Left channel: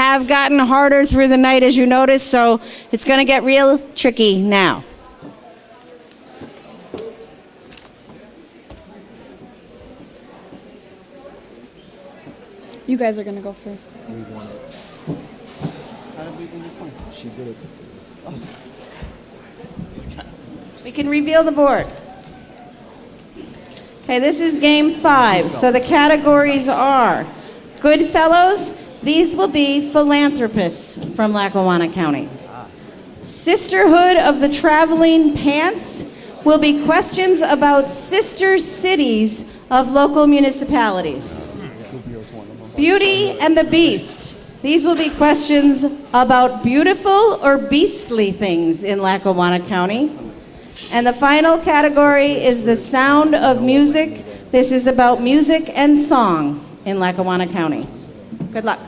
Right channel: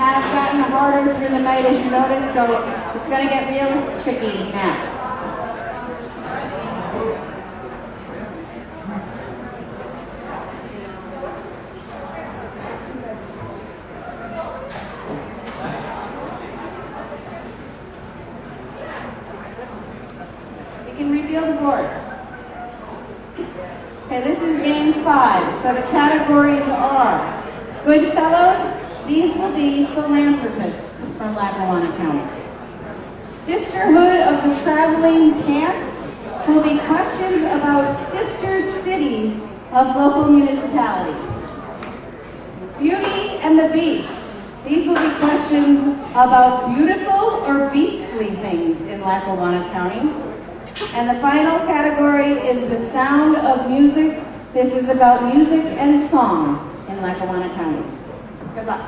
have gotten harder through the night, as you notice, so it's going to get real tricky now. You guys are going to go first. We can reveal the board. Okay, this is game 5. So the categories are Goodfellows. These will be philanthropists from Lackawanna County. Sisterhood of the Traveling Pants will be questions about sister cities of local municipalities. Beauty and the Beast. These will be questions about beautiful or beastly things in Lackawanna County. And the final category is the Sound of Music. This is about music and song in Lackawanna County. Good luck.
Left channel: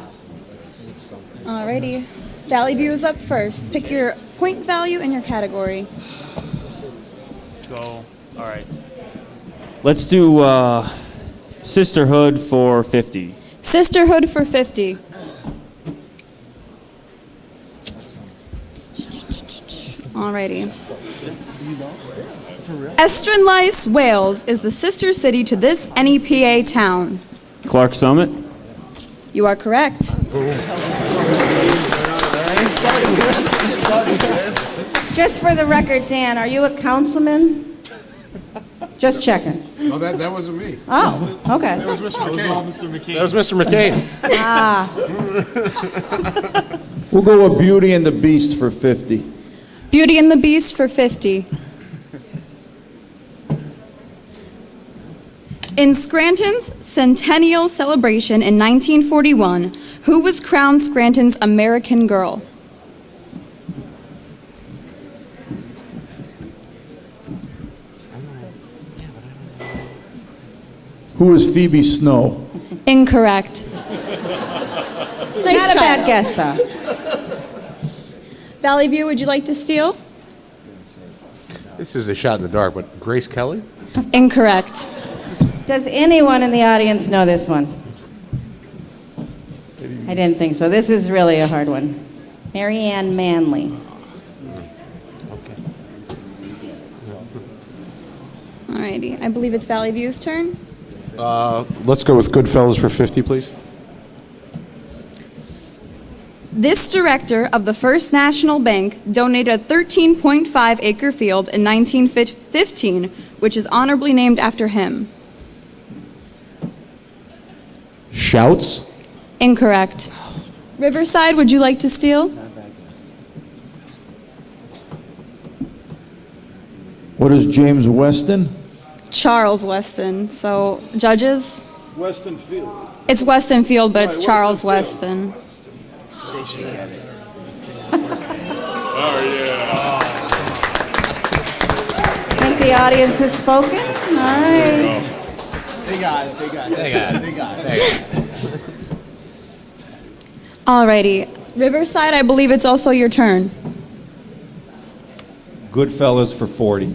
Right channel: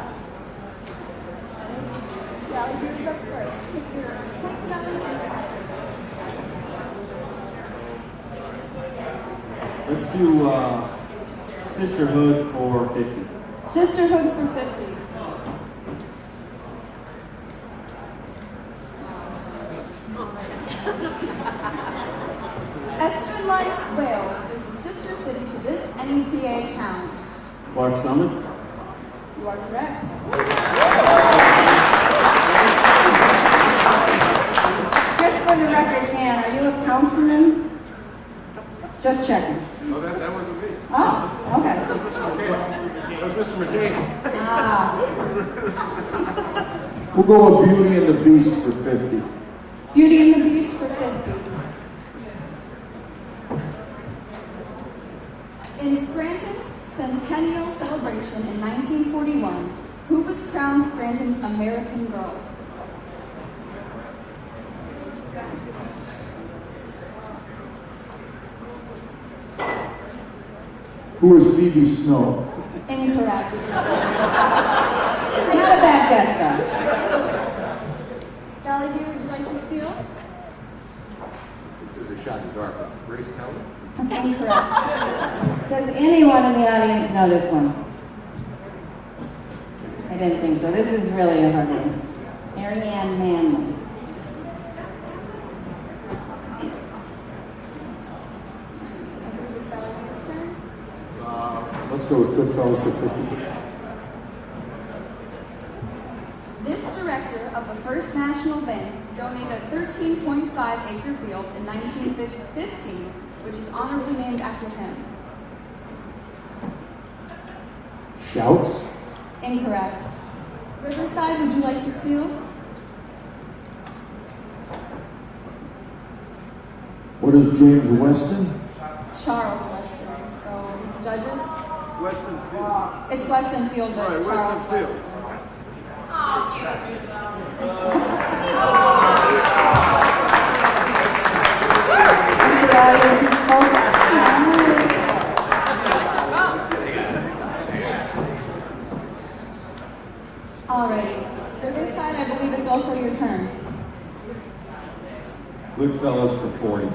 Alrighty. Valley View is up first. Pick your point value and your category. All right. Let's do Sisterhood for 50. Sisterhood for 50. Alrighty. Estranlice, Wales is the sister city to this NEPA town. Clark Summit. You are correct. Just for the record, Dan, are you a councilman? Just checking. Oh, that wasn't me. Oh, okay. That was Mr. McCain. That was Mr. McCain. We'll go with Beauty and the Beast for 50. Beauty and the Beast for 50. In Scranton's centennial celebration in 1941, who was crowned Scranton's American Girl? Who is Phoebe Snow? Incorrect. Not a bad guess, though. Valley View, would you like to steal? This is a shot in the dark, but Grace Kelly? Incorrect. Does anyone in the audience know this one? I didn't think so. This is really a hard one. Mary Ann Manley. Alrighty, I believe it's Valley View's turn. Let's go with Goodfellas for 50, please. This director of the First National Bank donated a 13.5-acre field in 1915, which is honorably named after him. Shouts? Incorrect. Riverside, would you like to steal? What is James Weston? Charles Weston. So, judges? Weston Field. It's Weston Field, but it's Charles Weston. I think the audience has spoken. All right. They got it. Alrighty. Riverside, I believe it's also your turn. Goodfellas for 40.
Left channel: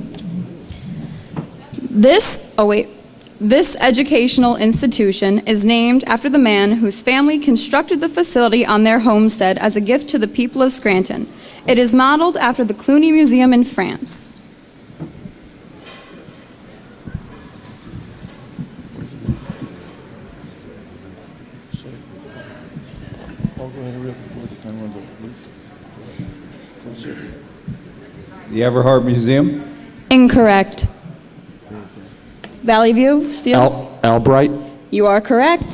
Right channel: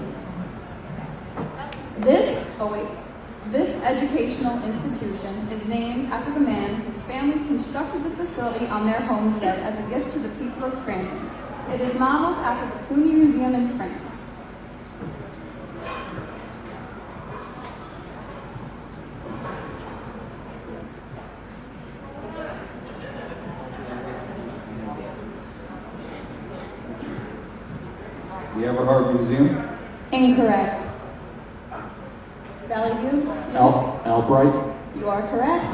This educational institution is named after the man whose family constructed the facility on their homestead as a gift to the people of Scranton. It is modeled after the Cluny Museum in France. The Everhart Museum? Incorrect. Valley View, steal? Albright? You are correct.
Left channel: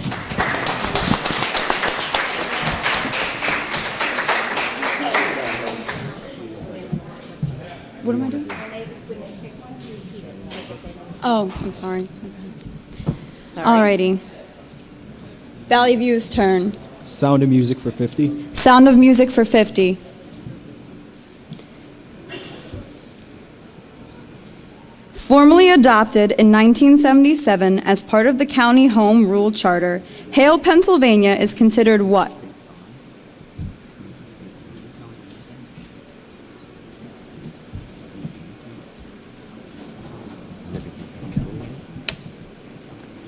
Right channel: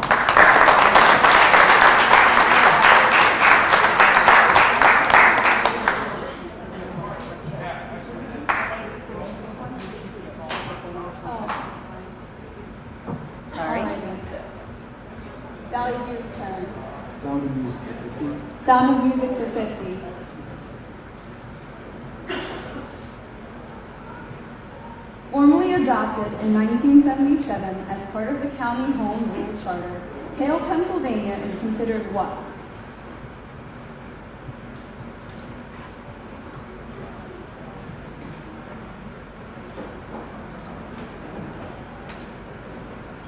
What am I doing? Oh, I'm sorry. Alrighty. Valley View's turn. Sound of Music for 50. Sound of Music for 50. Formally adopted in 1977 as part of the County Home Rule Charter, Hale, Pennsylvania is considered what?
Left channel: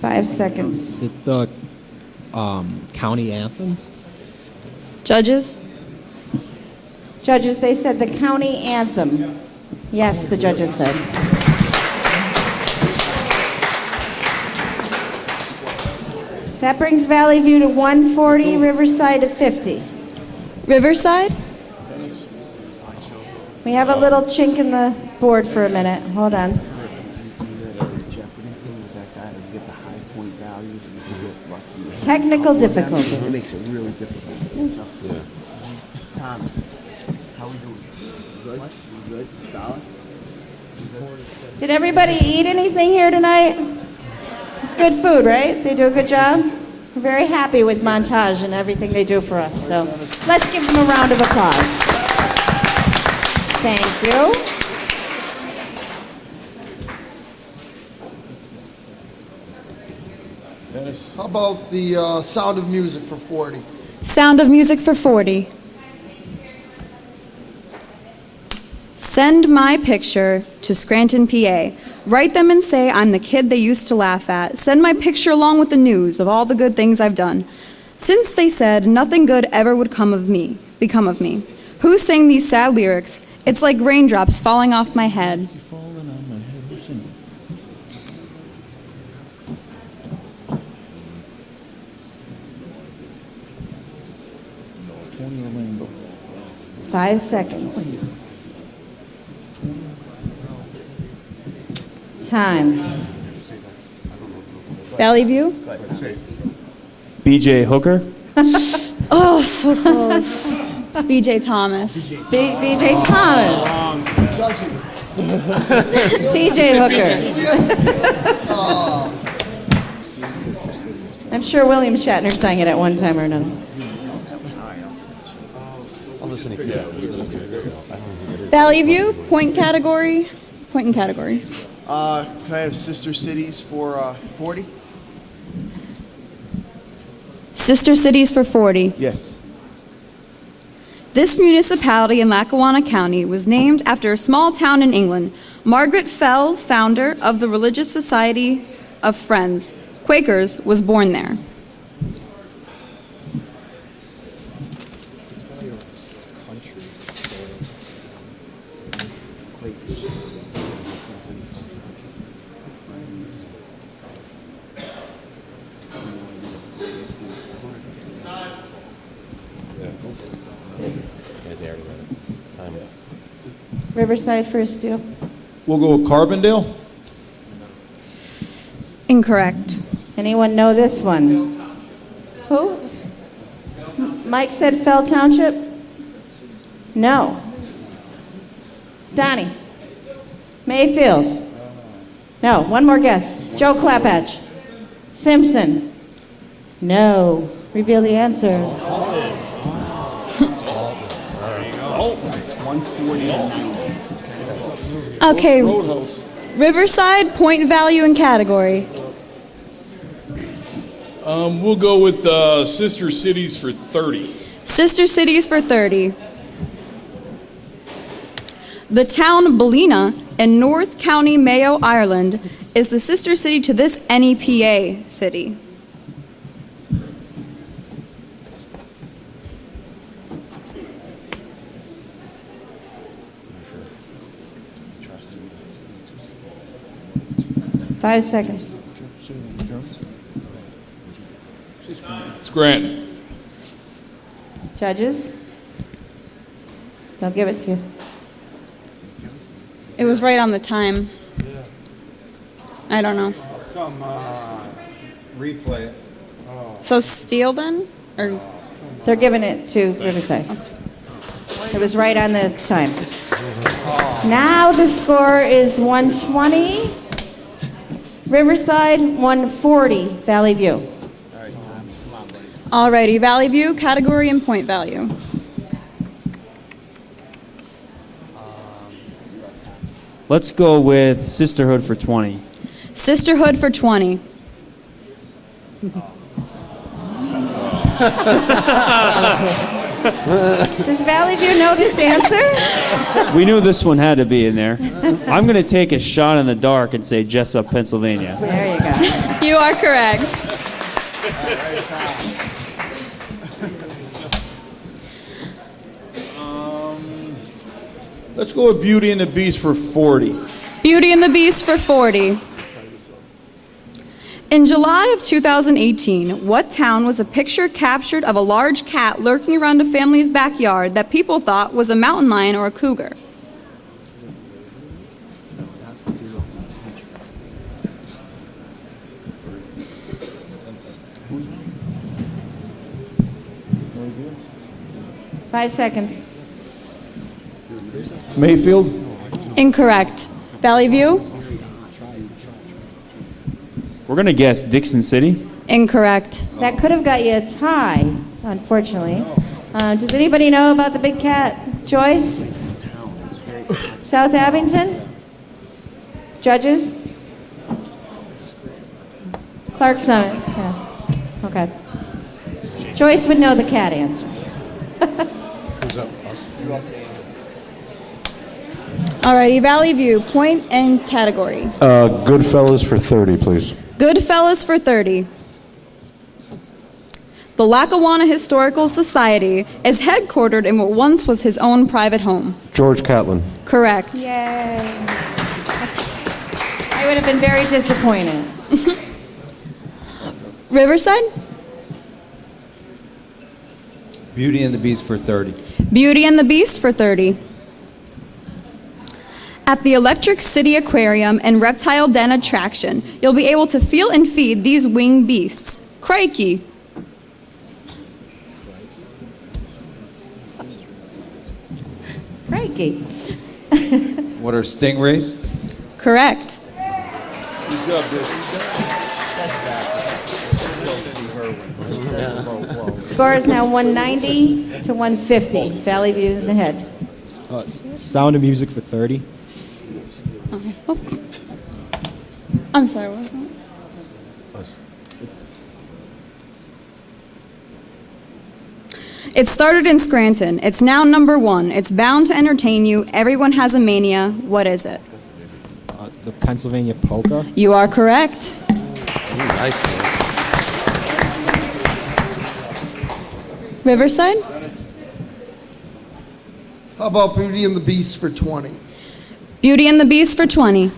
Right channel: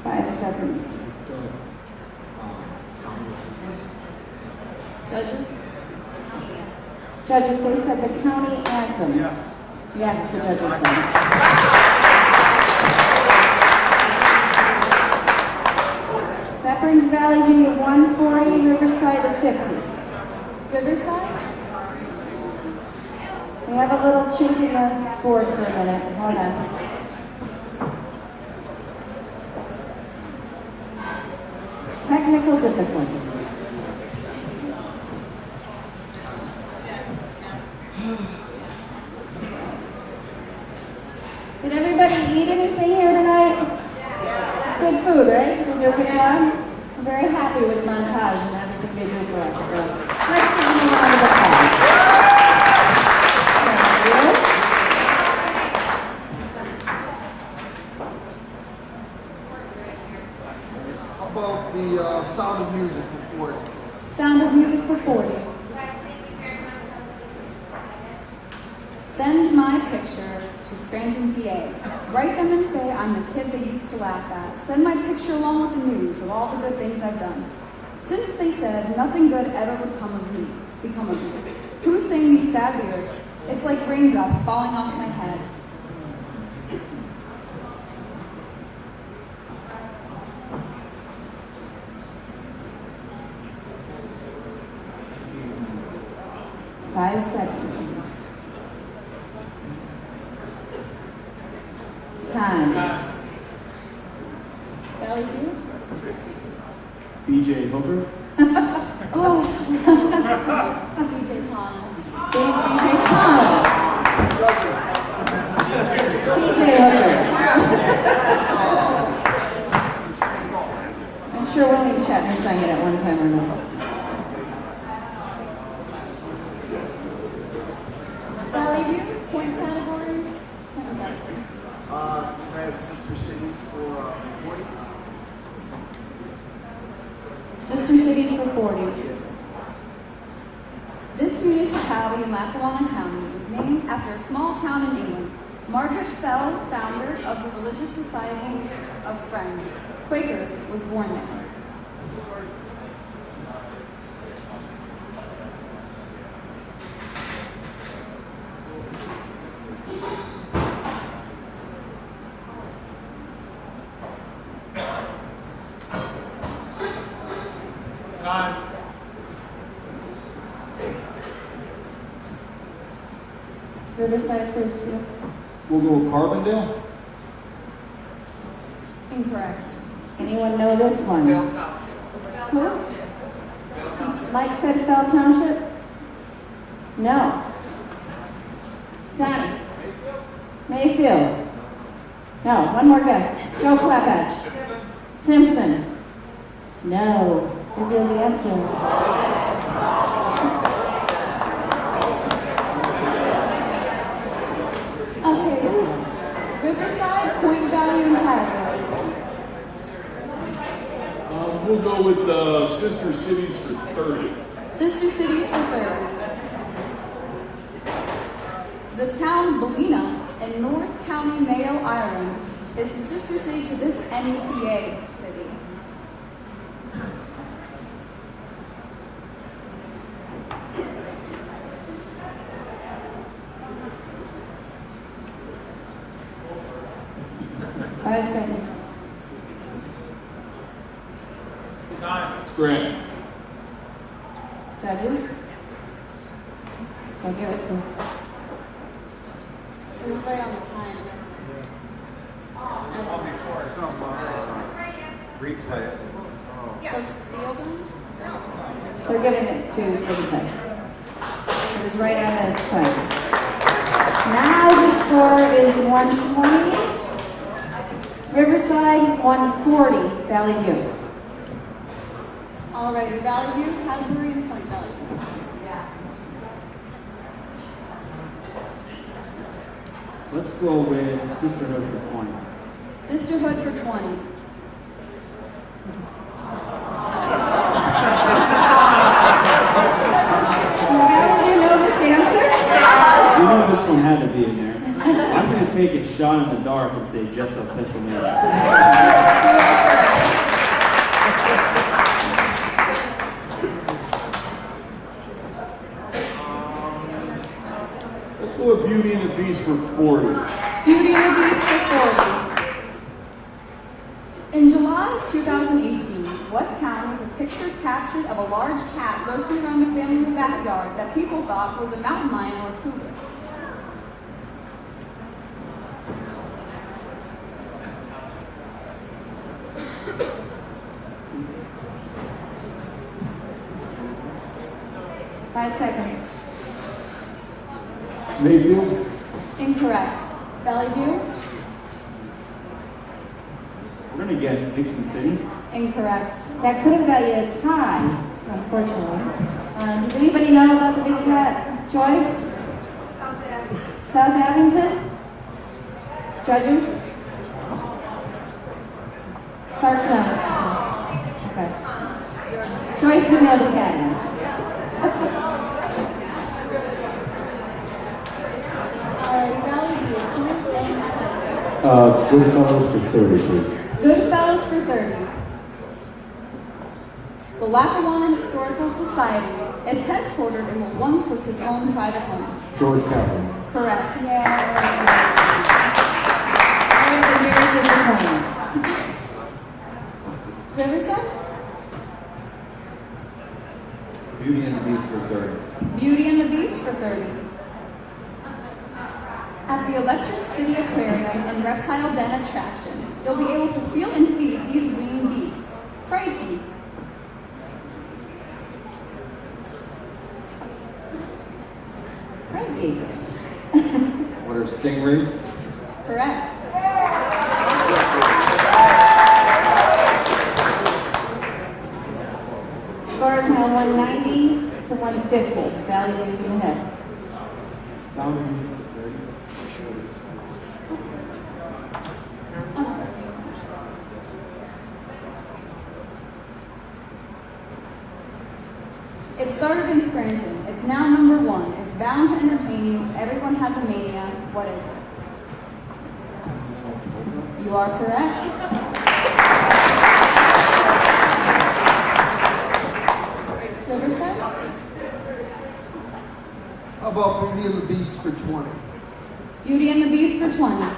Five seconds. Is it the county anthem? Judges? Judges, they said the county anthem. Yes, the judges said. That brings Valley View to 140, Riverside to 50. Riverside? We have a little chink in the board for a minute. Hold on. Technical difficulty. Did everybody eat anything here tonight? It's good food, right? They do a good job? I'm very happy with Montage and everything they do for us. So let's give them a round of applause. Thank you. How about the Sound of Music for 40? Sound of Music for 40. Send my picture to Scranton, PA. Write them and say I'm the kid they used to laugh at. Send my picture along with the news of all the good things I've done. Since they said nothing good ever would become of me. Who sang these sad lyrics? It's like raindrops falling off my head. Five seconds. Time. Valley View? BJ Hooker. Oh, so close. It's BJ Thomas. BJ Thomas. TJ Hooker. I'm sure William Shatner sang it at one time or another. Valley View, point category. Point and category. Can I have Sister Cities for 40? Sister Cities for 40. Yes. This municipality in Lackawanna County was named after a small town in England. Margaret Fell, founder of the Religious Society of Friends, Quakers, was born there. Riverside for a steal. We'll go with Carbondale. Incorrect. Anyone know this one? Who? Mike said Fell Township? No. Donnie? Mayfield? No. One more guess. Joe Clapatch? Simpson? No. Reveal the answer. Okay. Riverside, point value and category. We'll go with Sister Cities for 30. Sister Cities for 30. The town Ballina in North County, Mayo, Ireland, is the sister city to this NEPA city. Five seconds. Scranton. Judges? They'll give it to you. It was right on the time. I don't know. So steal then? Or They're giving it to Riverside. It was right on the time. Now the score is 120. Riverside, 140. Valley View. alrighty, Valley View, category and point value. Let's go with Sisterhood for 20. Sisterhood for 20. Does Valley View know this answer? We knew this one had to be in there. I'm going to take a shot in the dark and say Jessup, Pennsylvania. You are correct. Let's go with Beauty and the Beast for 40. Beauty and the Beast for 40. In July of 2018, what town was a picture captured of a large cat lurking around a family's backyard that people thought was a mountain lion or a cougar? Five seconds. Mayfield? Incorrect. Valley View? We're gonna guess Dixon City. Incorrect. That could have got you a tie, unfortunately. Does anybody know about the big cat? Joyce? South Abington? Judges? Clarkson? Oh, okay. Joyce would know the cat answer. Alrighty, Valley View, point and category. Goodfellas for 30, please. Goodfellas for 30. The Lackawanna Historical Society is headquartered in what once was his own private home. George Catlin. Correct. Yay. I would have been very disappointed. Riverside? Beauty and the Beast for 30. Beauty and the Beast for 30. At the Electric City Aquarium and Reptile Den attraction, you'll be able to feel and feed these winged beasts. Crikey! Crikey. What are stingrays? Correct. Score is now 190 to 150. Valley View's in the head. Sound of Music for 30. Oh. I'm sorry, what was that? It started in Scranton. It's now number 1. It's bound to entertain you. Everyone has a mania. What is it? The Pennsylvania Polka. You are correct. Riverside? How about Beauty and the Beast for 20? Beauty and the Beast for 20.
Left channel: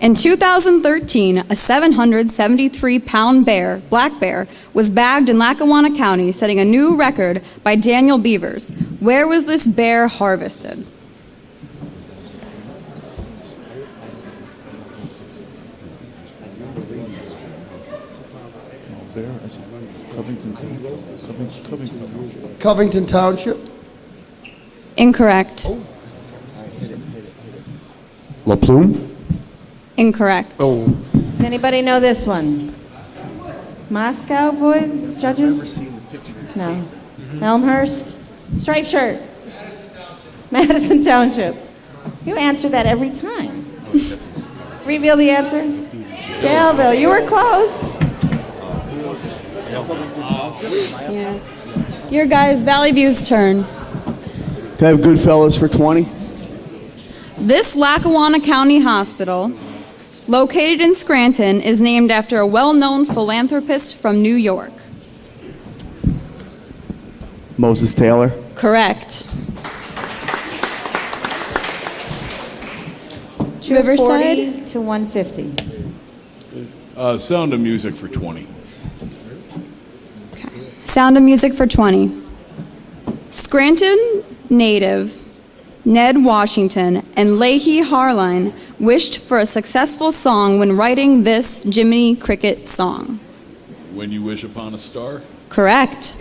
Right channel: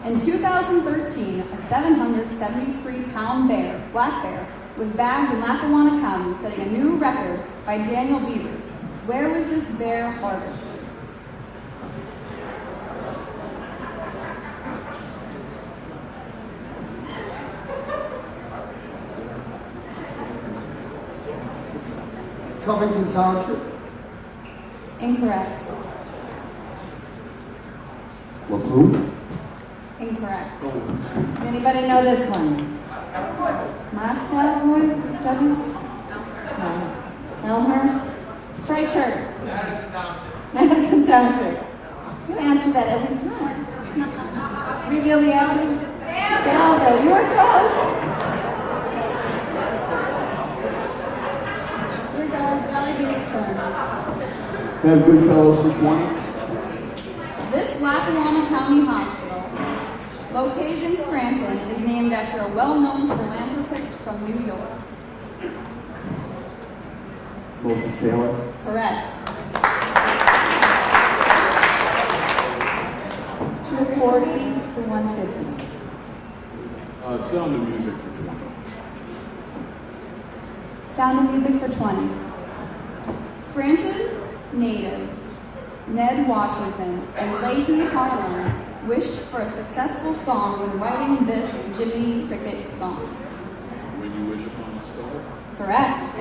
In 2013, a 773-pound bear, black bear, was bagged in Lackawanna County, setting a new record by Daniel Beavers. Where was this bear harvested? Covington Township? Incorrect. La Plume? Incorrect. Does anybody know this one? Moscow, boys, judges? No. Elmhurst? Striped shirt? Madison Township. You answer that every time. Reveal the answer. Daleville, you were close. Your guys, Valley View's turn. Can I have Goodfellas for 20? This Lackawanna County Hospital, located in Scranton, is named after a well-known philanthropist from New York. Moses Taylor. Correct. 240 Riverside? to 150. Sound of Music for 20. Sound of Music for 20. Scranton native Ned Washington and Leahy Harline wished for a successful song when writing this Jiminy Cricket song. When You Wish Upon a Star. Correct.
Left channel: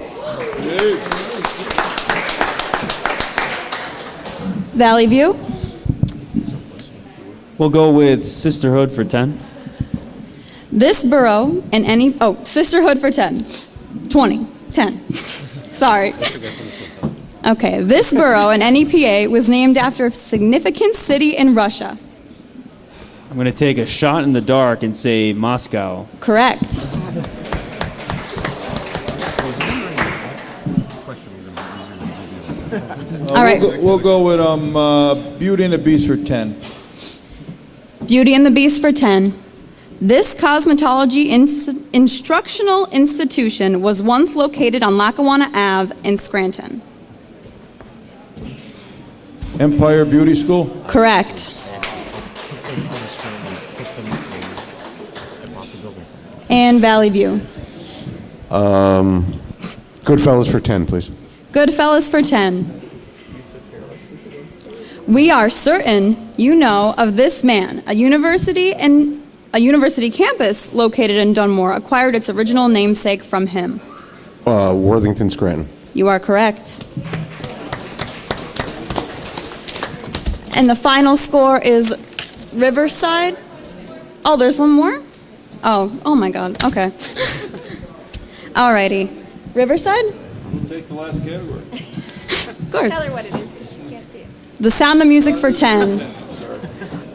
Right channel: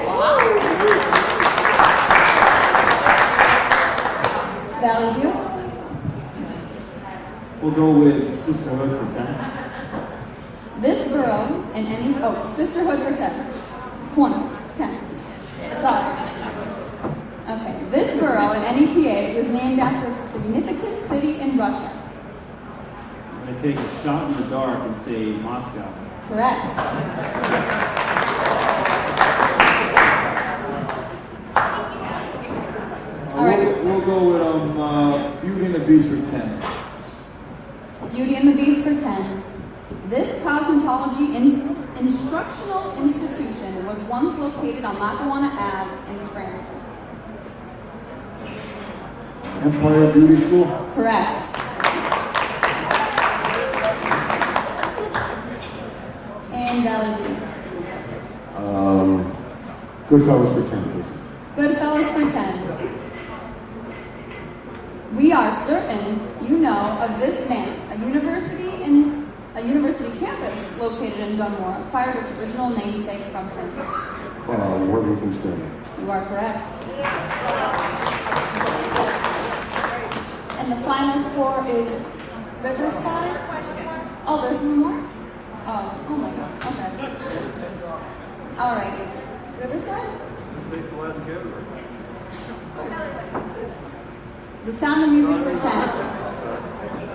Valley View? We'll go with Sisterhood for 10. This borough and any... Oh, Sisterhood for 10. 20. 10. Sorry. Okay, this borough in NEPA was named after a significant city in Russia. I'm gonna take a shot in the dark and say Moscow. Correct. All right. We'll go with Beauty and the Beast for 10. Beauty and the Beast for 10. This cosmetology instructional institution was once located on Lackawanna Ave in Scranton. Empire Beauty School? Correct. And Valley View. Goodfellas for 10, please. Goodfellas for 10. We are certain you know of this man. A university campus located in Dunmore acquired its original namesake from him. Worthington Scranton. You are correct. And the final score is Riverside. Oh, there's one more? Oh my God. Okay. Alrighty. Riverside? Take the last category. Of course. Tell her what it is because she can't see. The Sound of Music for 10.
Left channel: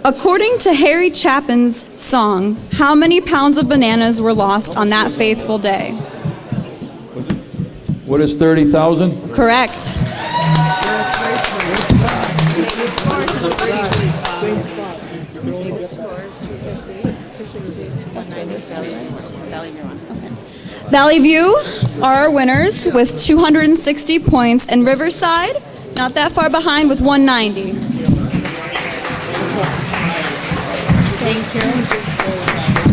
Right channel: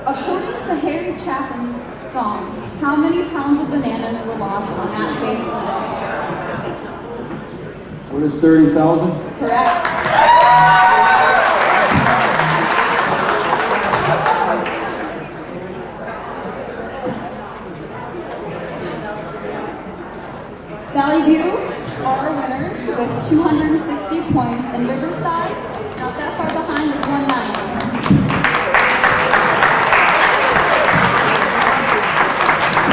According to Harry Chapin's song, how many pounds of bananas were lost on that faithful day? What is 30,000? Correct. Valley View are our winners with 260 points, and Riverside, not that far behind with 190.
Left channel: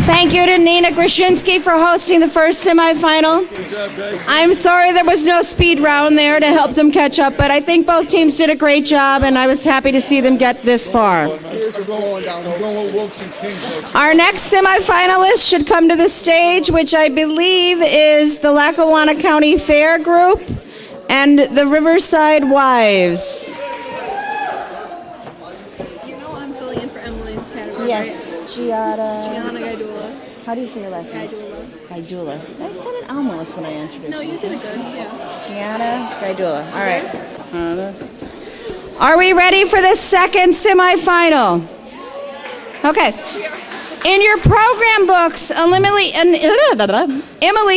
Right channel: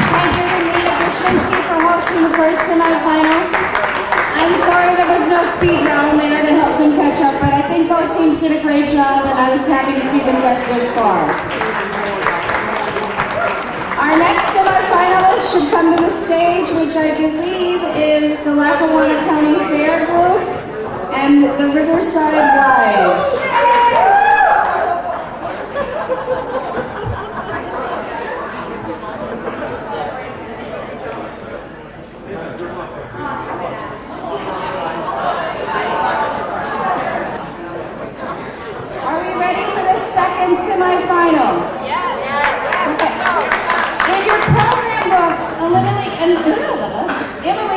Thank you to Nina Grushinsky for hosting the first semifinal. I'm sorry there was no speed round there to help them catch up, but I think both teams did a great job, and I was happy to see them get this far. Our next semifinalist should come to the stage, which I believe is the Lackawanna County Fair Group and the Riverside Wives. Yes, Giada. How do you say that? Gaidula. I said it almost right. No, you can do it. Gaidula. All right. Are we ready for the second semifinal? Yeah. Okay. In your program books, Emily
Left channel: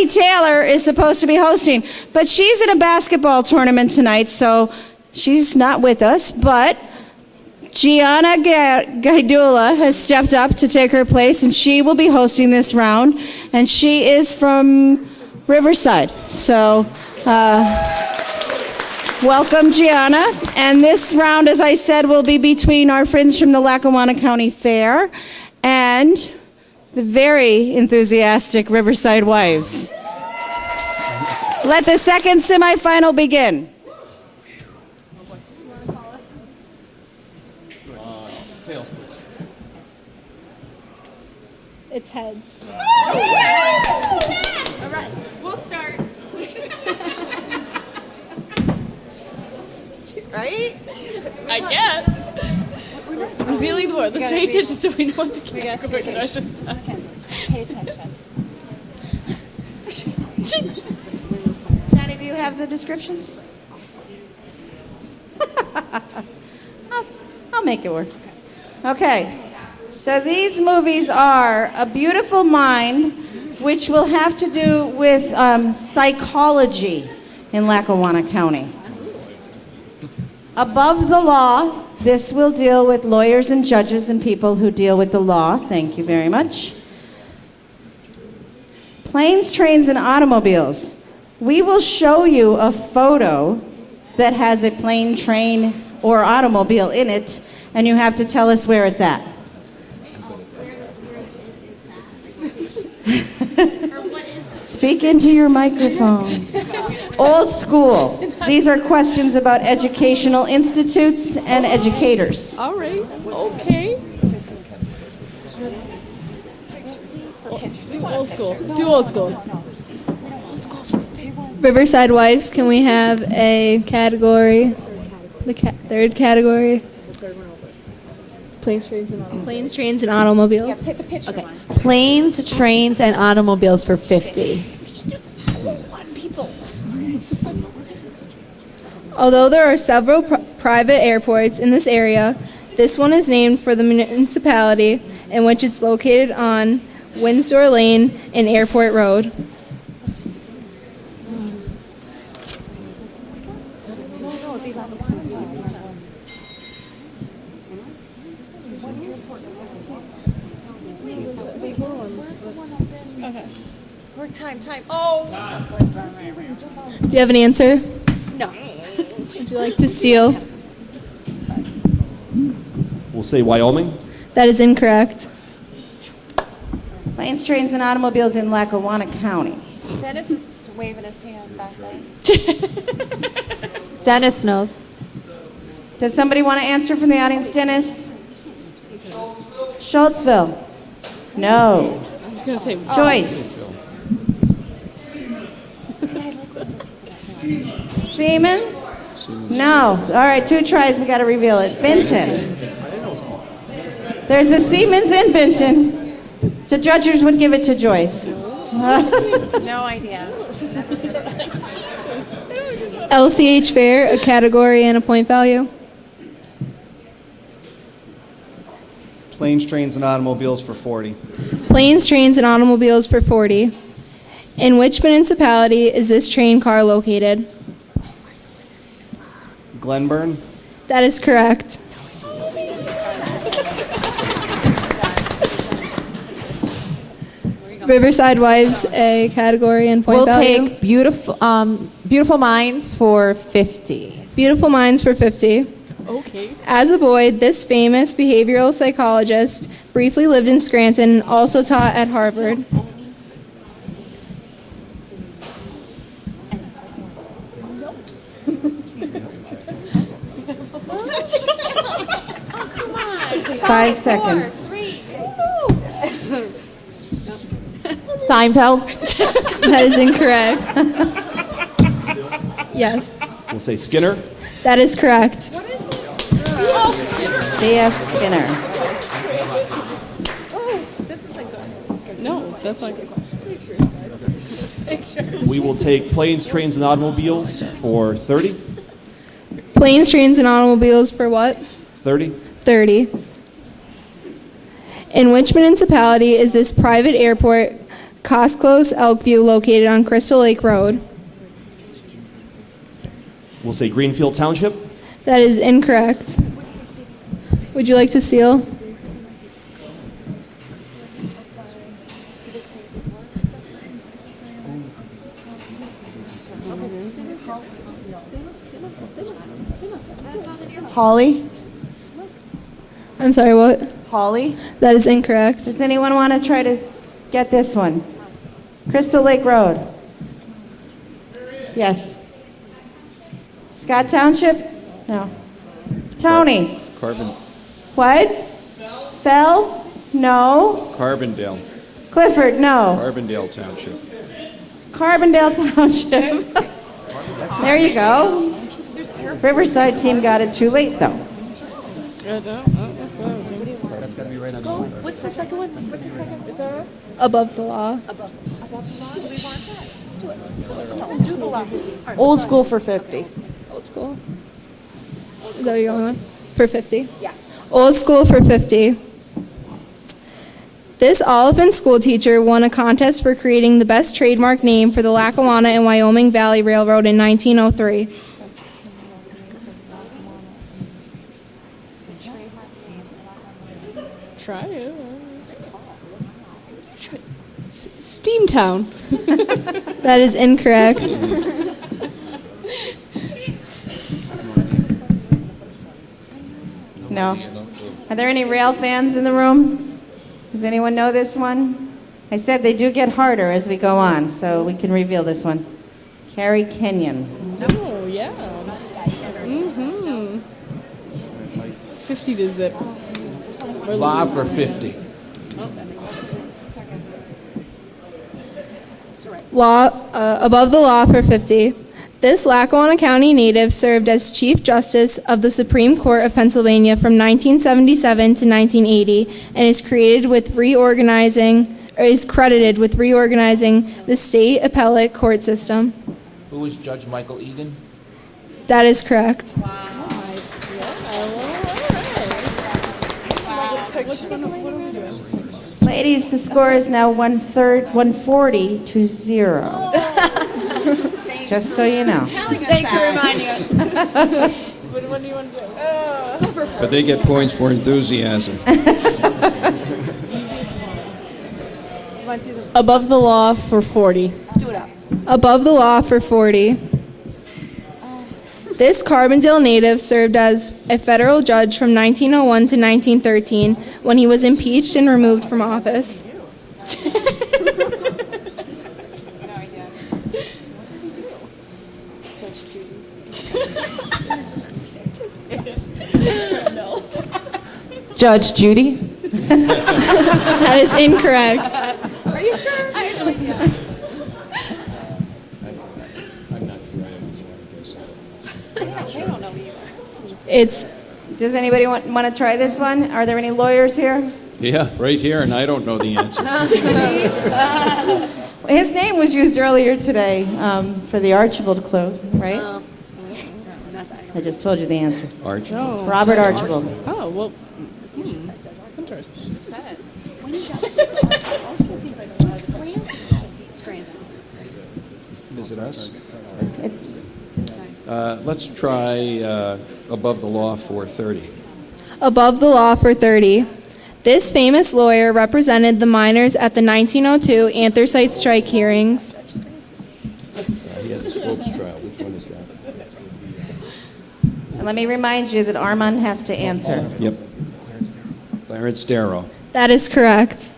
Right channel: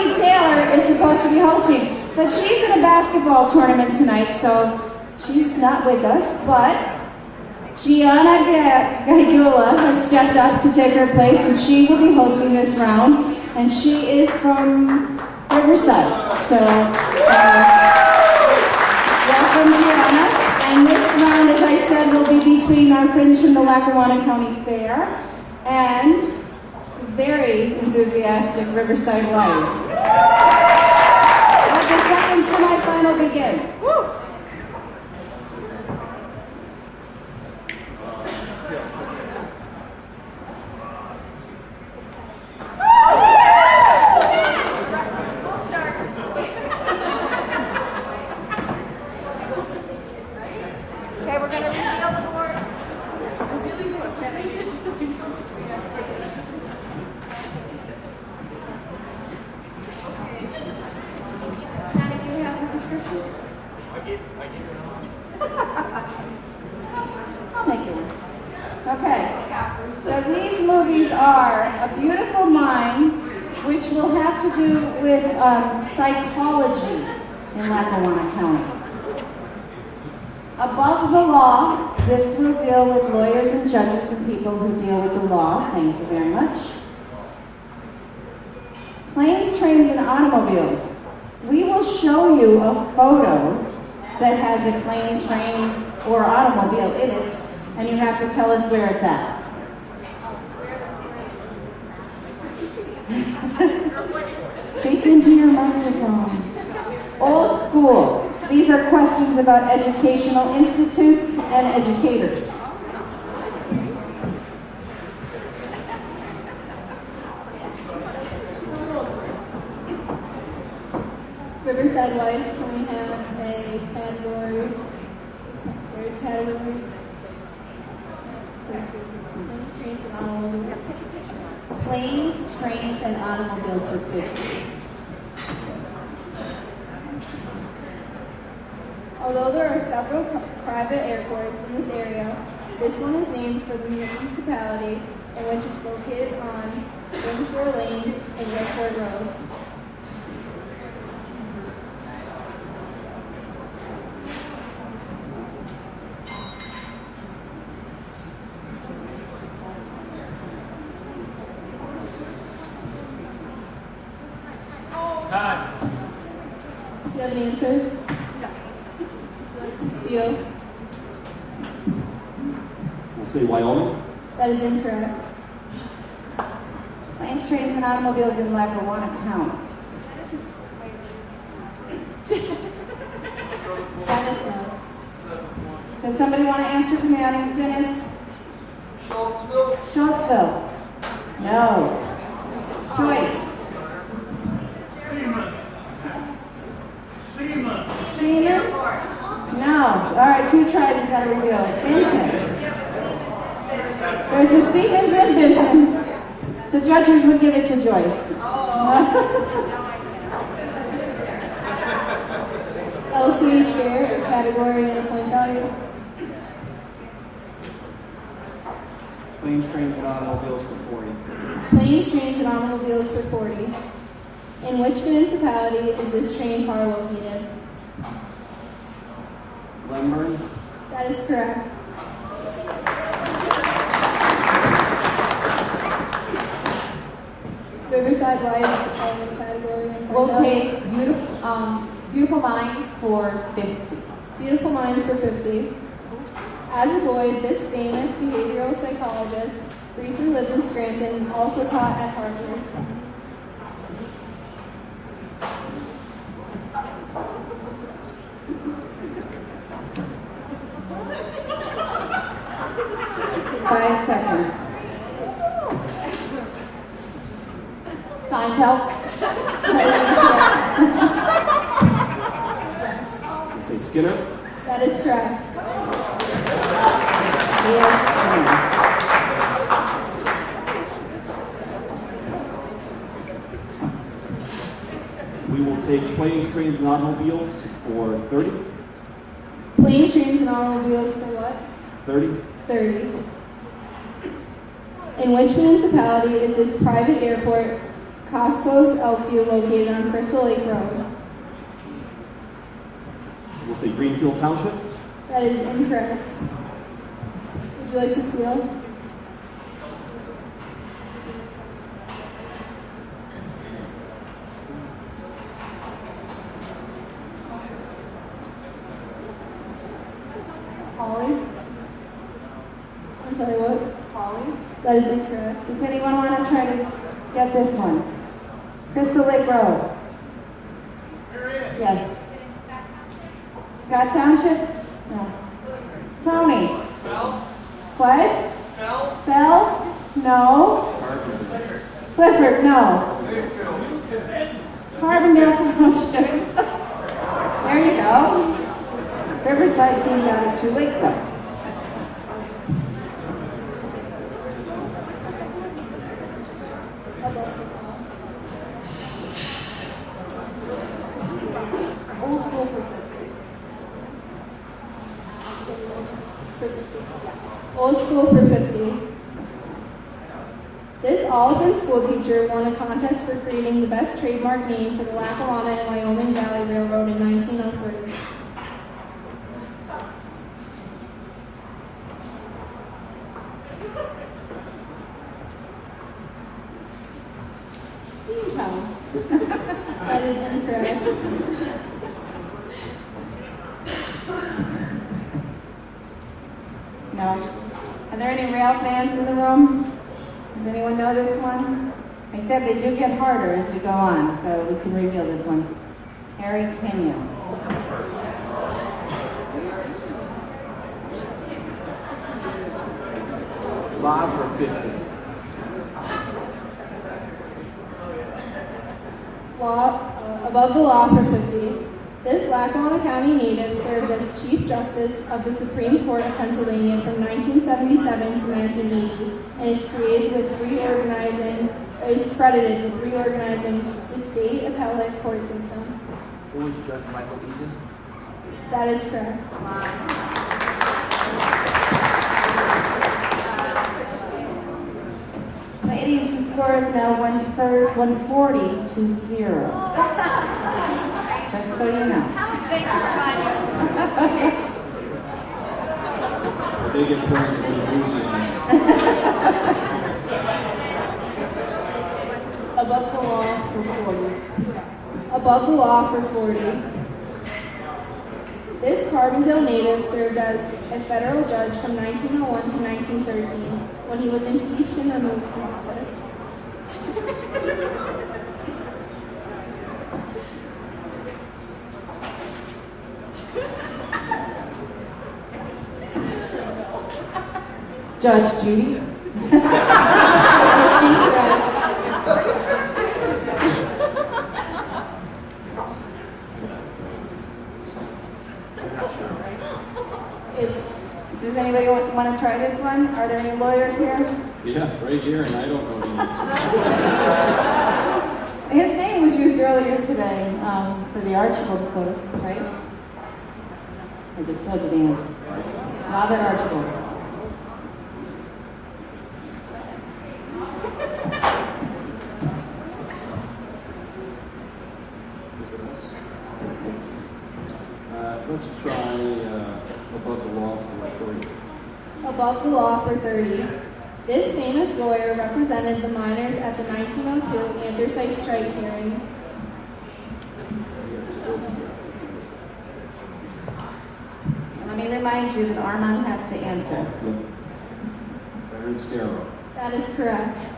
Taylor is supposed to be hosting, but she's in a basketball tournament tonight, so she's not with us, but Gianna Gaidula has stepped up to take her place, and she will be hosting this round, and she is from Riverside. So, welcome, Gianna. And this round, as I said, will be between our friends from the Lackawanna County Fair and the very enthusiastic Riverside Wives. Let the second semifinal begin. It's heads. We'll start. Right? I guess. I'm feeling more. Let's pay attention so we know what the categories are this time. Any of you have the descriptions? I'll make it work. Okay, so these movies are A Beautiful Mind, which will have to do with psychology in Lackawanna County. Above the Law, this will deal with lawyers and judges and people who deal with the law. Thank you very much. Planes, Trains, and Automobiles. We will show you a photo that has a plane, train, or automobile in it, and you have to tell us where it's at. Speak into your microphone. Old school. These are questions about educational institutes and educators. All right. Okay. Do old school. Do old school. Riverside Wives, can we have a category? The third category? Planes, trains, and automobiles. Okay. Planes, trains, and automobiles for 50. Although there are several private airports in this area, this one is named for the municipality in which it's located on Windsor Lane and Airport Road. Do you have an answer? No. Would you like to steal? We'll say Wyoming. That is incorrect. Planes, trains, and automobiles in Lackawanna County. Dennis is waving his hand back there. Dennis knows. Does somebody want to answer from the audience, Dennis? Schultzville. No. I was gonna say Joyce. Seaman? No. All right, 2 tries. We got to reveal it. Benton. There's a Siemens in Benton. The judges would give it to Joyce. No idea. LCH Fair, a category and a point value. Planes, trains, and automobiles for 40. Planes, trains, and automobiles for 40. In which municipality is this train car located? Glenburn. That is correct. Riverside Wives, a category and point We'll value. take Beautiful Minds for 50. Beautiful Minds for 50. okay. As a boy, this famous behavioral psychologist briefly lived in Scranton and also taught at Harvard. Five seconds. Seinfeld. That is incorrect. Yes, We'll say Skinner. that is correct. D.F. Skinner. No, that's not good. We will take planes, trains, and automobiles for 30. Planes, trains, and automobiles for what? 30. 30. In which municipality is this private airport, Cosclos Elkview, located on Crystal Lake Road? We'll say Greenfield Township. That is incorrect. Would you like to seal? Holly? I'm sorry, what? Holly? That is incorrect. Does anyone want to try to get this one? Crystal Lake Road. Yes. Scott Township? No. Tony? What? Fell? No. Carbondale. Clifford? No. Carbondale Township. Carbondale Township. There you go. Riverside team got it too late, though. What's the second one? Above the law. Old school for 50. Old school. Is that what you're going on? For 50? Yeah. Old school for 50. This Oliphant school teacher won a contest for creating the best trademark name for the Lackawanna and Wyoming Valley Railroad in 1903. Try it. Steamtown. That is incorrect. No. Are there any rail fans in the room? Does anyone know this one? I said they do get harder as we go on, so we can reveal this one. Carrie Kenyon. Oh, yeah. 50 to zip. Law for 50. Above the law for 50. This Lackawanna County native served as Chief Justice of the Supreme Court of Pennsylvania from 1977 to 1980 and is credited with reorganizing the state appellate court system. Who was Judge Michael Egan? That is correct. Ladies, the score is now 140 to 0. Just so you know. Thanks for reminding us. But they get points for enthusiasm. Above the law for 40. Above the law for 40. This Carbondale native served as a federal judge from 1901 to 1913 when he was impeached and removed from office. Judge Judy. That is incorrect. Are you sure? It's Does anybody want to try this one? Are there any lawyers here? Yeah, right here, and I don't know the answer. His name was used earlier today for the Archibald clue, right? I just told you the answer. Archie? Robert Archibald. Oh, well. Interesting. Is it us? It's Let's try above the law for 30. above the law for 30. This famous lawyer represented the miners at the 1902 anthracite strike hearings. Yes, let's try. Which one is that? And let me remind you that Armand has to answer. Yep. Clarence Darrow. That is correct.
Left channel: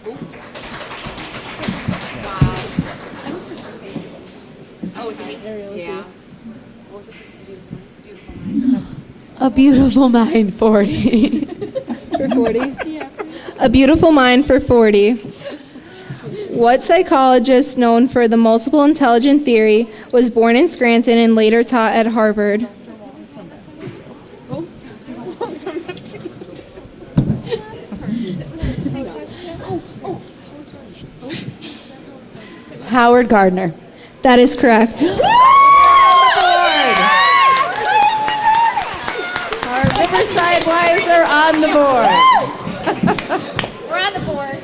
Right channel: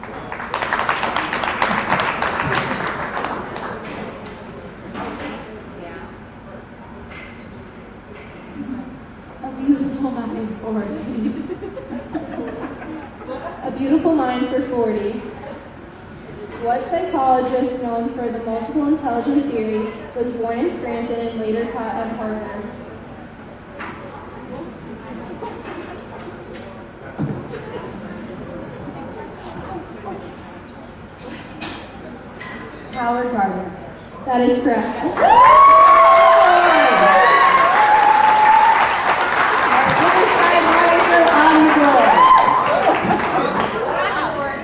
A Beautiful Mind 40. For 40? A Beautiful Mind for 40. What psychologist known for the multiple intelligent theory was born in Scranton and later taught at Harvard? Howard Gardner. That is correct. Riverside Riser on the board. We're at the board.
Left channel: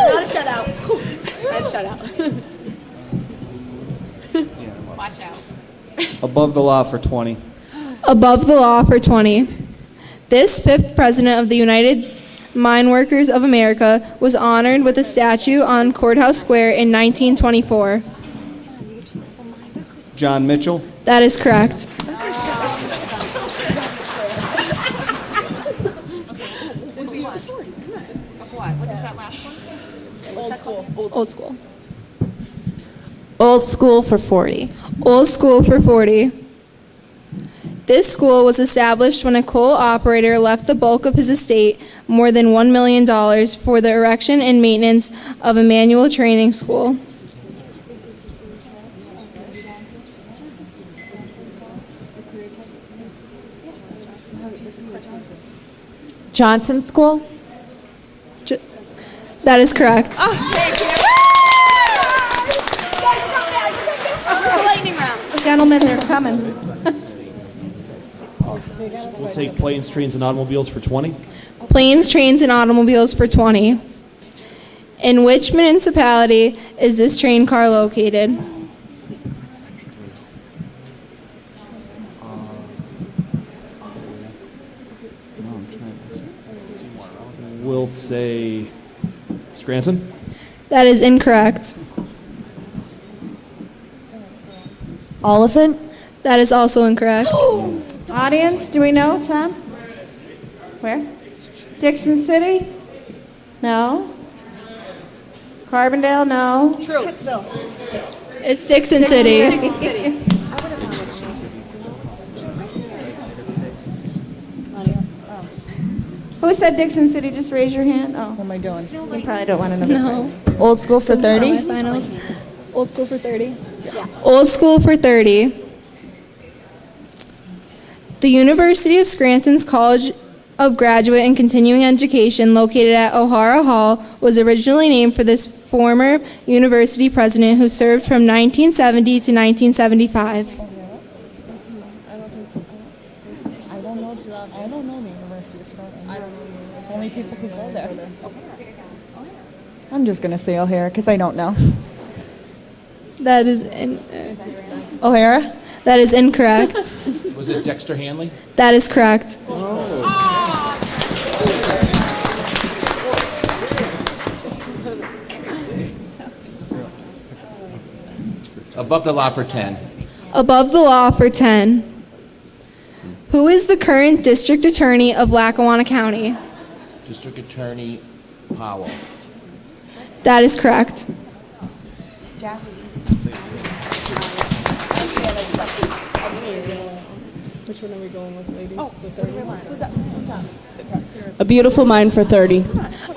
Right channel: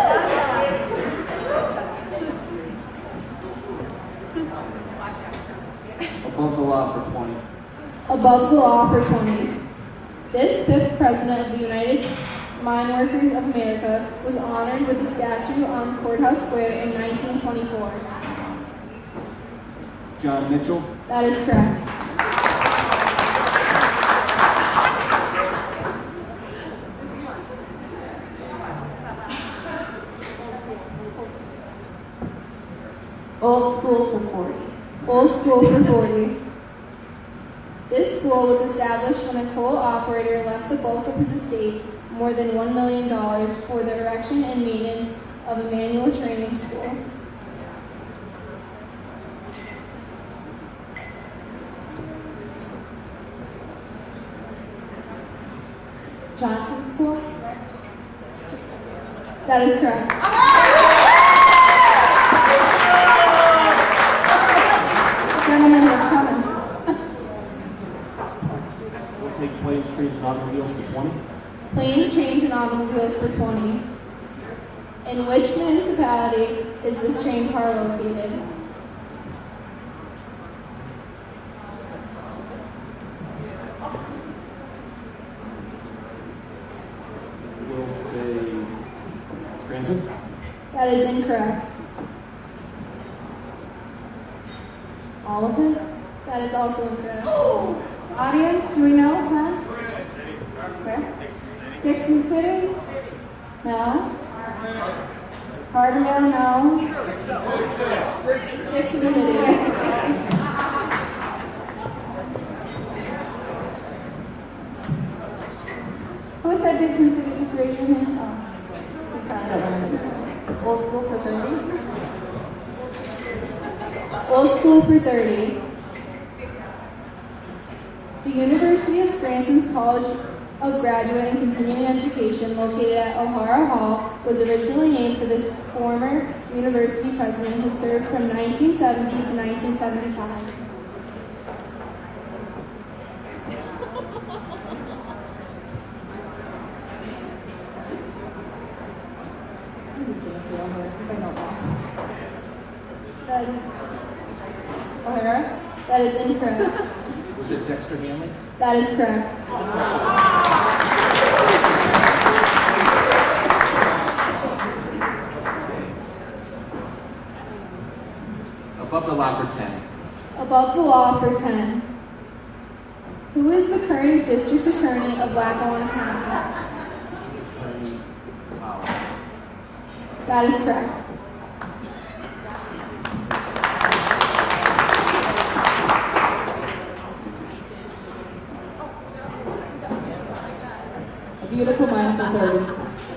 Not a shutout. Yeah, shutout. Watch out. Above the law for 20. Above the law for 20. This fifth president of the United Mine Workers of America was honored with a statue on Courthouse Square in 1924. John Mitchell. That is correct. Old school. Old School for 40. Old School for 40. This school was established when a coal operator left the bulk of his estate, more than $1 million, for the erection and maintenance of a manual training school. Johnson School. That is correct. Gentlemen, they're coming. We'll take planes, trains, and automobiles for 20. Planes, trains, and automobiles for 20. In which municipality is this train car located? We'll say Scranton. That is incorrect. Oliphant. That is also incorrect. Audience, do we know, Tom? Where? Dixon City? No. Carbondale? No. It's Dixon City. Who said Dixon City? Just raise your hand. Oh, what am I doing? You probably don't want to know. No. Old School for 30. Finals. Old School for 30. Old School for 30. The University of Scranton's College of Graduate and Continuing Education, located at O'Hara Hall, was originally named for this former university president who served from 1970 to 1975. I'm just going to say O'Hara because I don't know. That is O'Hara? that is incorrect. Was it Dexter Hanley? That is correct. Above the law for 10. Above the law for 10. Who is the current district attorney of Lackawanna County? District Attorney Powell. That is correct. A Beautiful Mind for 30.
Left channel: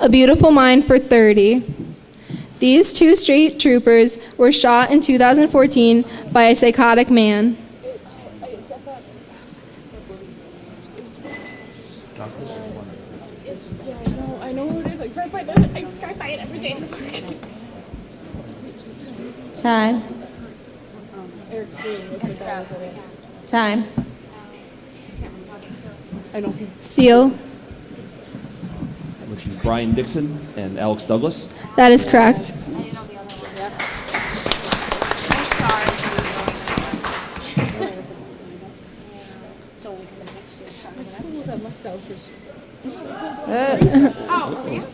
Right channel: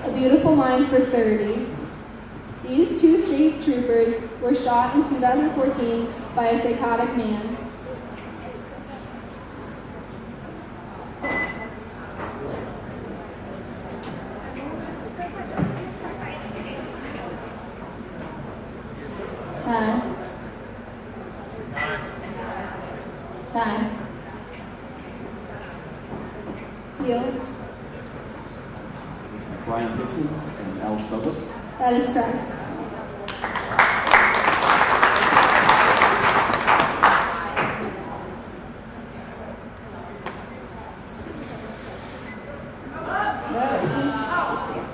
A Beautiful Mind for 30. These two state troopers were shot in 2014 by a psychotic man. I know who it is. I try to find it. I try to find it every day. Time. Time. I know. Seal. Brian Dixon and Alex Douglas. That is correct.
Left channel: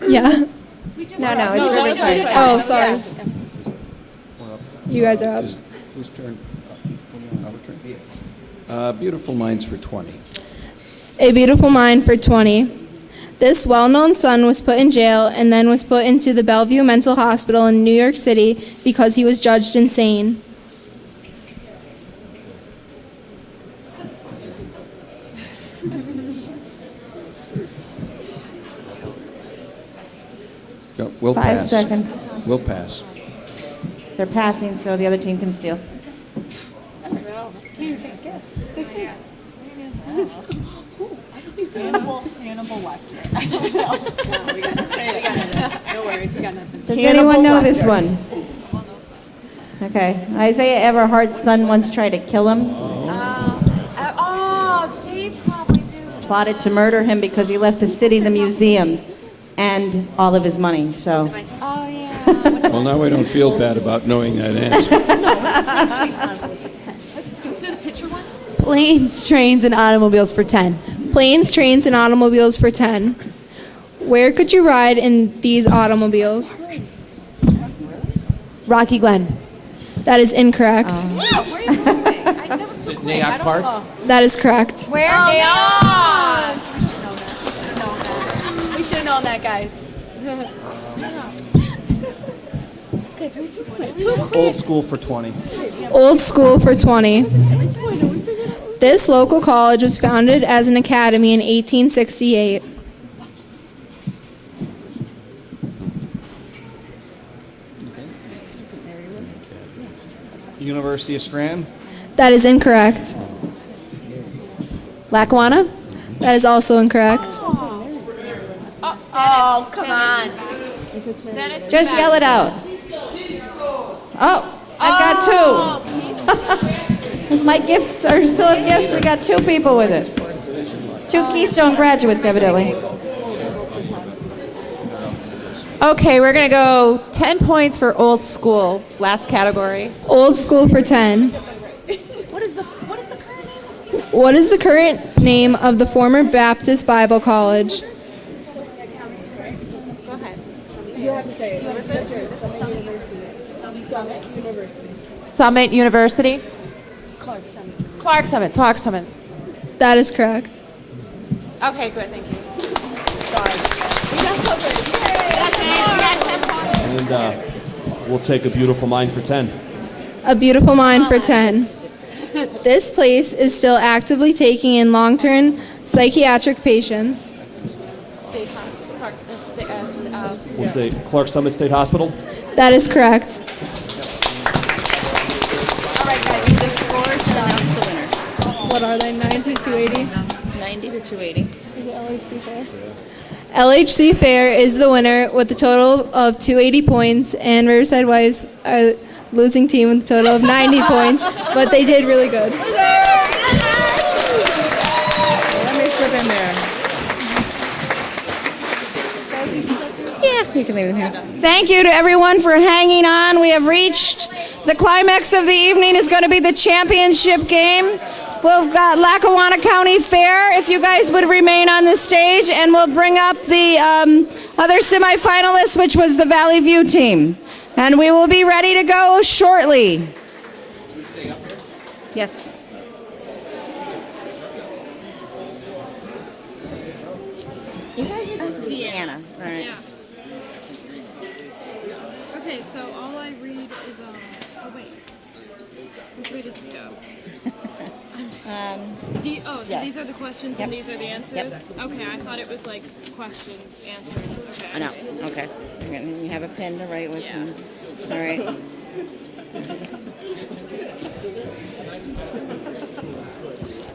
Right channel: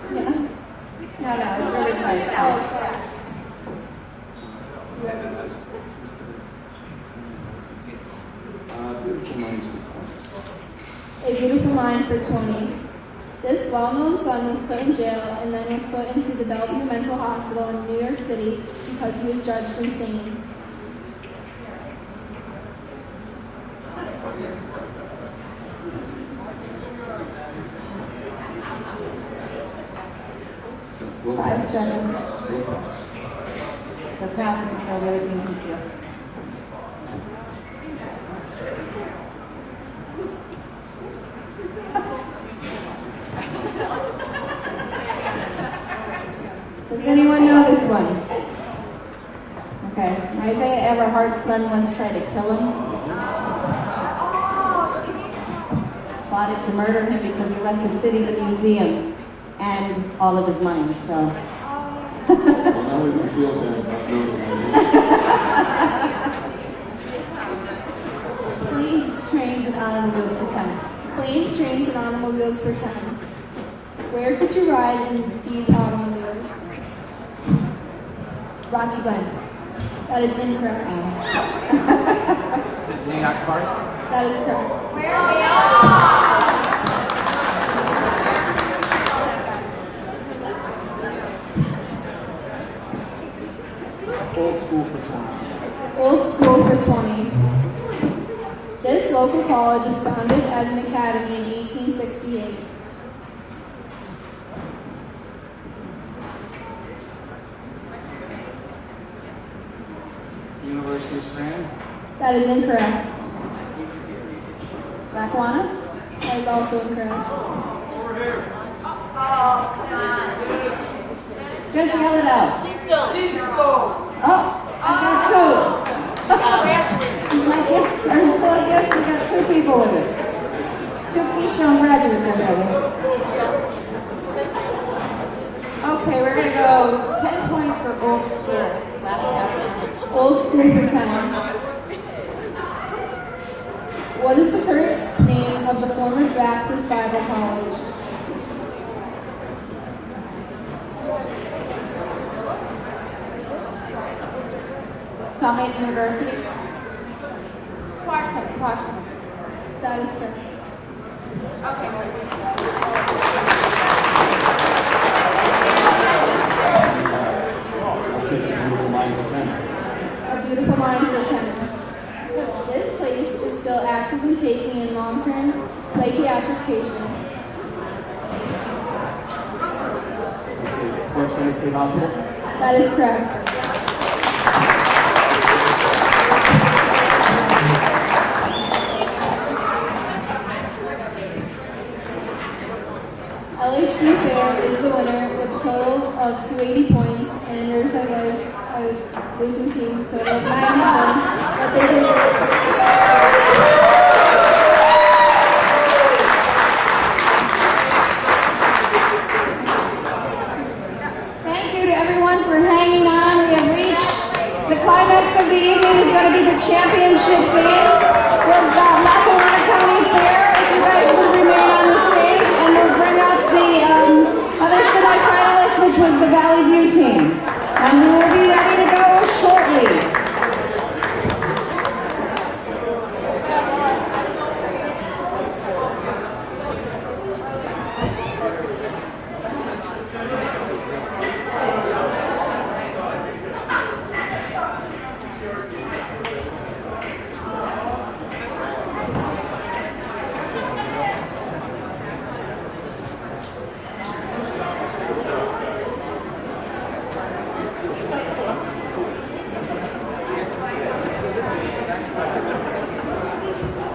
Yeah. No, it's really close. Oh, sorry. You guys are up. Whose turn? Beautiful Minds for 20. A Beautiful Mind for 20. This well-known son was put in jail and then was put into the Bellevue Mental Hospital in New York City because he was judged insane. Go- We'll 5 pass. seconds. We'll pass. They're passing, so the other team can steal. Does anyone know this one? Okay. Isaiah Everhart's son once tried to kill him. Plotted to murder him because he left the city, the museum, and all of his money. So. Well, now we don't feel bad about knowing that answer. Planes, trains, and automobiles for 10. Planes, trains, and automobiles for 10. Where could you ride in these automobiles? Rocky Glen. That is incorrect. Nayak Park. That is correct. Where? We should have known that, guys. Old School for 20. Old School for 20. This local college was founded as an academy in 1868. University of Scranton. That is incorrect. Lackawanna? That is also incorrect. Oh, come on. Just yell it out. Oh, I've got two. Because my gifts are still have gifts, we got 2 people with it. 2 Keystone graduates, evidently. Okay, we're going to go 10 points for Old School. Last category. Old School for 10. What is the current name of the former Baptist Bible College? Summit University. Clark Summit. That is correct. Okay, good. Thank you. And we'll take A Beautiful Mind for 10. A Beautiful Mind for 10. This place is still actively taking in long-term psychiatric patients. We'll say Clark Summit State Hospital. That is correct. What are they, 90 to 80? LHC Fair is the winner with a total of 280 points, and Riverside Wives are losing team with a total of 90 points, but they did really good. Yeah, we can leave them here. Thank you to everyone for hanging on. We have reached the climax of the evening is going to be the championship game. We've got Lackawanna County Fair, if you guys would remain on the stage, and we'll bring up the other semifinalists, which was the Valley View team. And we will be ready to go shortly. Yes.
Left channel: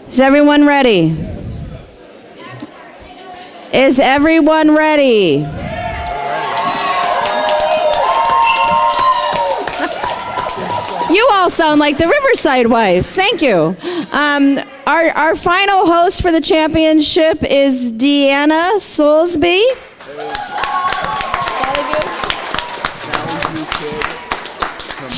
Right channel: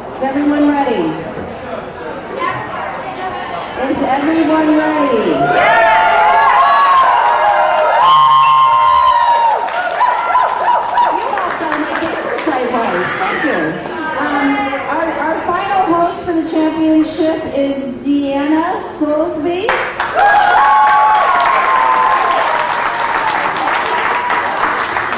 Is everyone ready? Is everyone ready? You all sound like the Riverside Wives. Thank you. Our final host for the championship is Deanna Soulsby.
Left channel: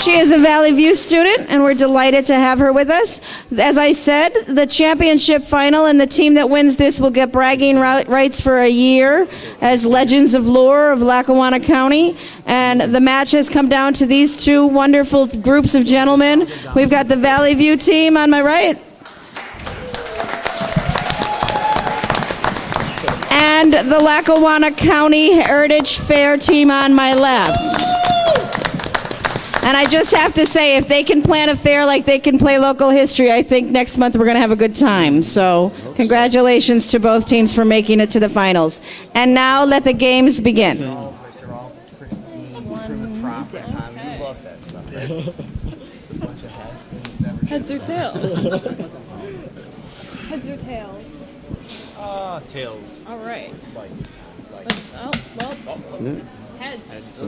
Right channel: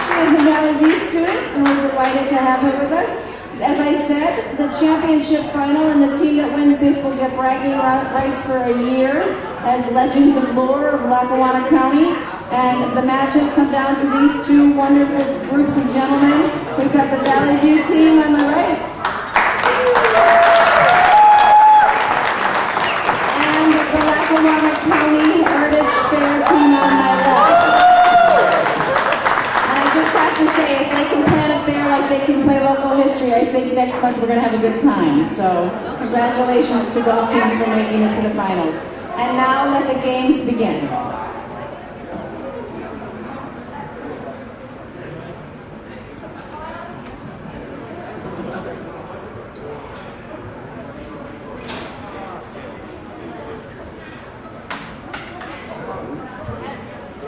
She is a Valley View student, and we're delighted to have her with us. As I said, the championship final, and the team that wins this will get bragging rights for a year as Legends of Lore of Lackawanna County. And the match has come down to these two wonderful groups of gentlemen. We've got the Valley View team on my right, and the Lackawanna County Heritage Fair team on my left. And I just have to say, if they can plan a fair like they can play local history, I think next month we're going to have a good time. So congratulations to both teams for making it to the finals. And now let the games begin. Heads or tails? Heads or tails? Tails. All right. Heads.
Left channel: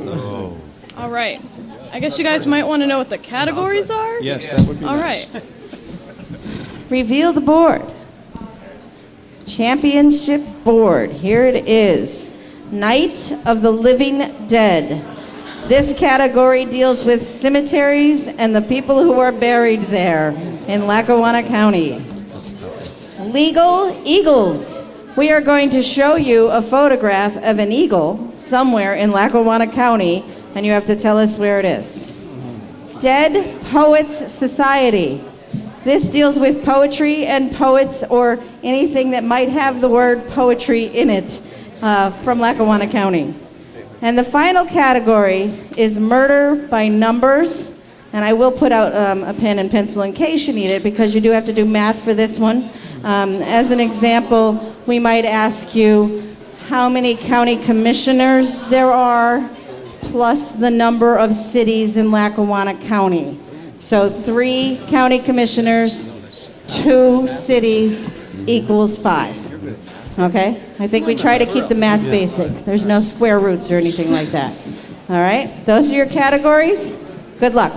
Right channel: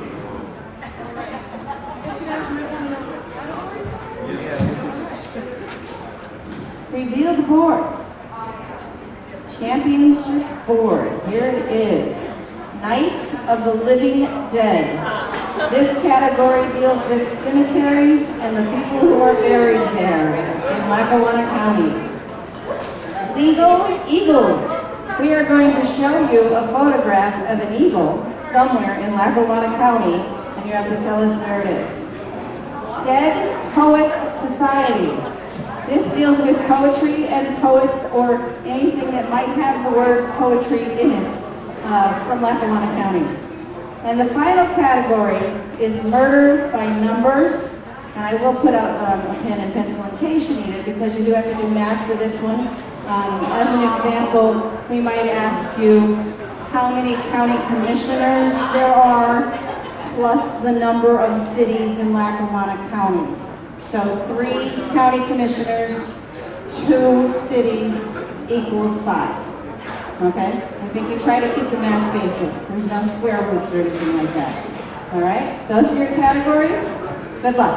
All right. I guess you guys might want to know what the categories are? Yes. All right. Reveal the board. Championship board. Here it is. Night of the Living Dead. This category deals with cemeteries and the people who are buried there in Lackawanna County. Legal Eagles. We are going to show you a photograph of an eagle somewhere in Lackawanna County, and you have to tell us where it is. Dead Poets Society. This deals with poetry and poets, or anything that might have the word poetry in it, from Lackawanna County. And the final category is Murder by Numbers. And I will put out a pen and pencil in case you need it, because you do have to do math for this one. As an example, we might ask you how many county commissioners there are, plus the number of cities in Lackawanna County. So 3 county commissioners, 2 cities equals 5. Okay? I think we try to keep the math basic. There's no square roots or anything like that. All right? Those are your categories. Good luck.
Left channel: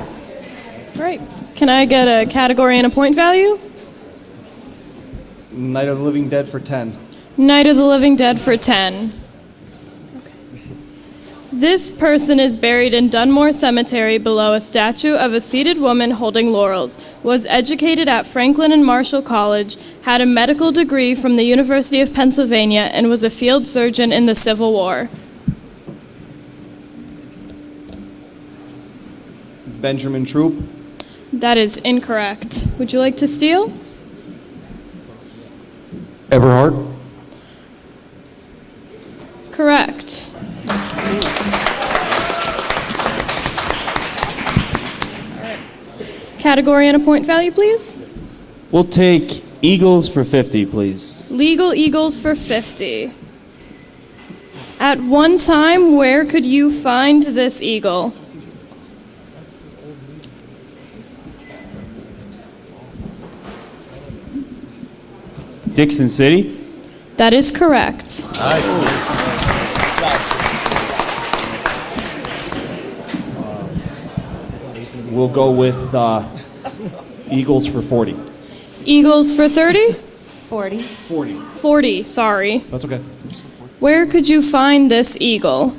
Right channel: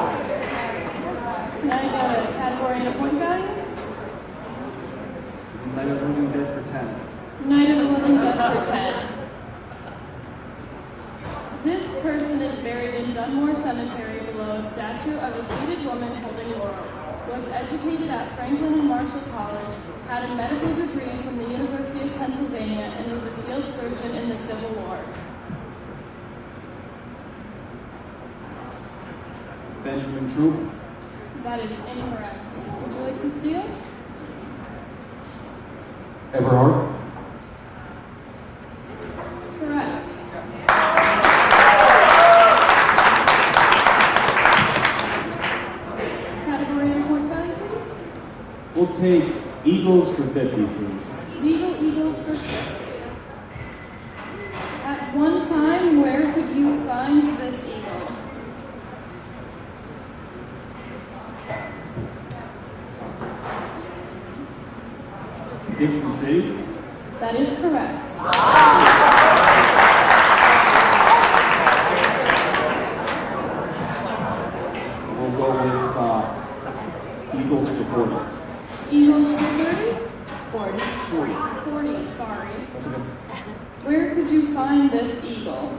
All right. Can I get a category and a point value? Night of the Living Dead for 10. Night of the Living Dead for 10. This person is buried in Dunmore Cemetery below a statue of a seated woman holding laurels, was educated at Franklin and Marshall College, had a medical degree from the University of Pennsylvania, and was a field surgeon in the Civil War. Benjamin Troop. That is incorrect. Would you like to steal? Everhart. Correct. Category and a point value, please. We'll take Eagles for 50, please. Legal Eagles for 50. At one time, where could you find this eagle? Dixon City. That is correct. We'll go with Eagles for 40. Eagles for 30? 40. 40, sorry. That's okay. Where could you find this eagle?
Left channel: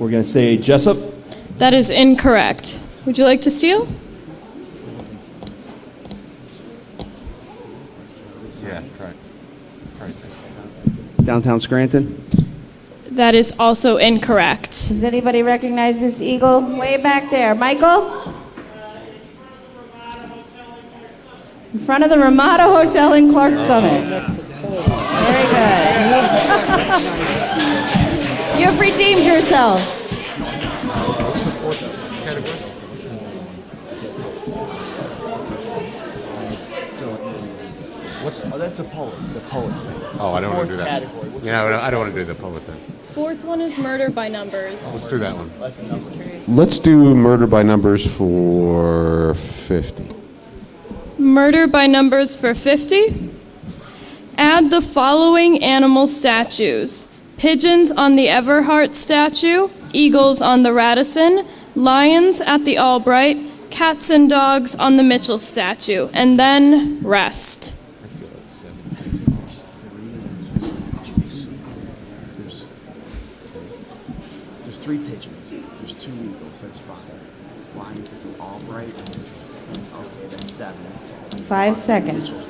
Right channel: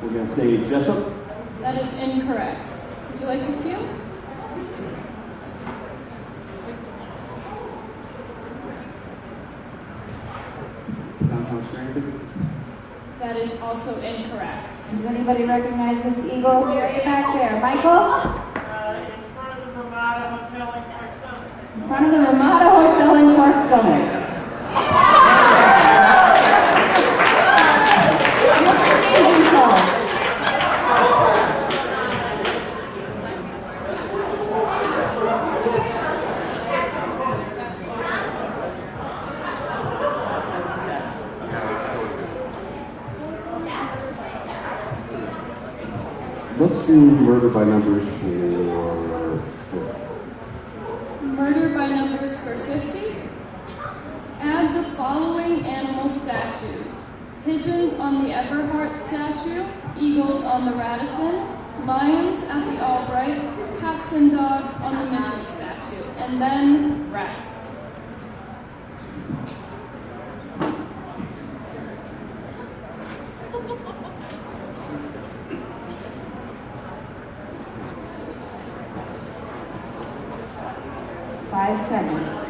We're going to say Jessup. That is incorrect. Would you like to steal? Yeah, Downtown Scranton. That is also incorrect. Does anybody recognize this eagle? Way back there. Michael? In front of the Ramada Hotel in Clark Summit. Very good. You've redeemed yourself. That's a poll. Oh, I don't want to do that. Yeah, I don't want to do the public thing. Fourth one is murder by numbers. Let's do that one. Let's do murder by numbers for 50. Murder by numbers for 50. Add the following animal statues: pigeons on the Everhart statue, eagles on the Radisson, lions at the Albright, cats and dogs on the Mitchell statue, and then rest. There's 3 pigeons. There's 2 eagles. That's for 7. 5 seconds.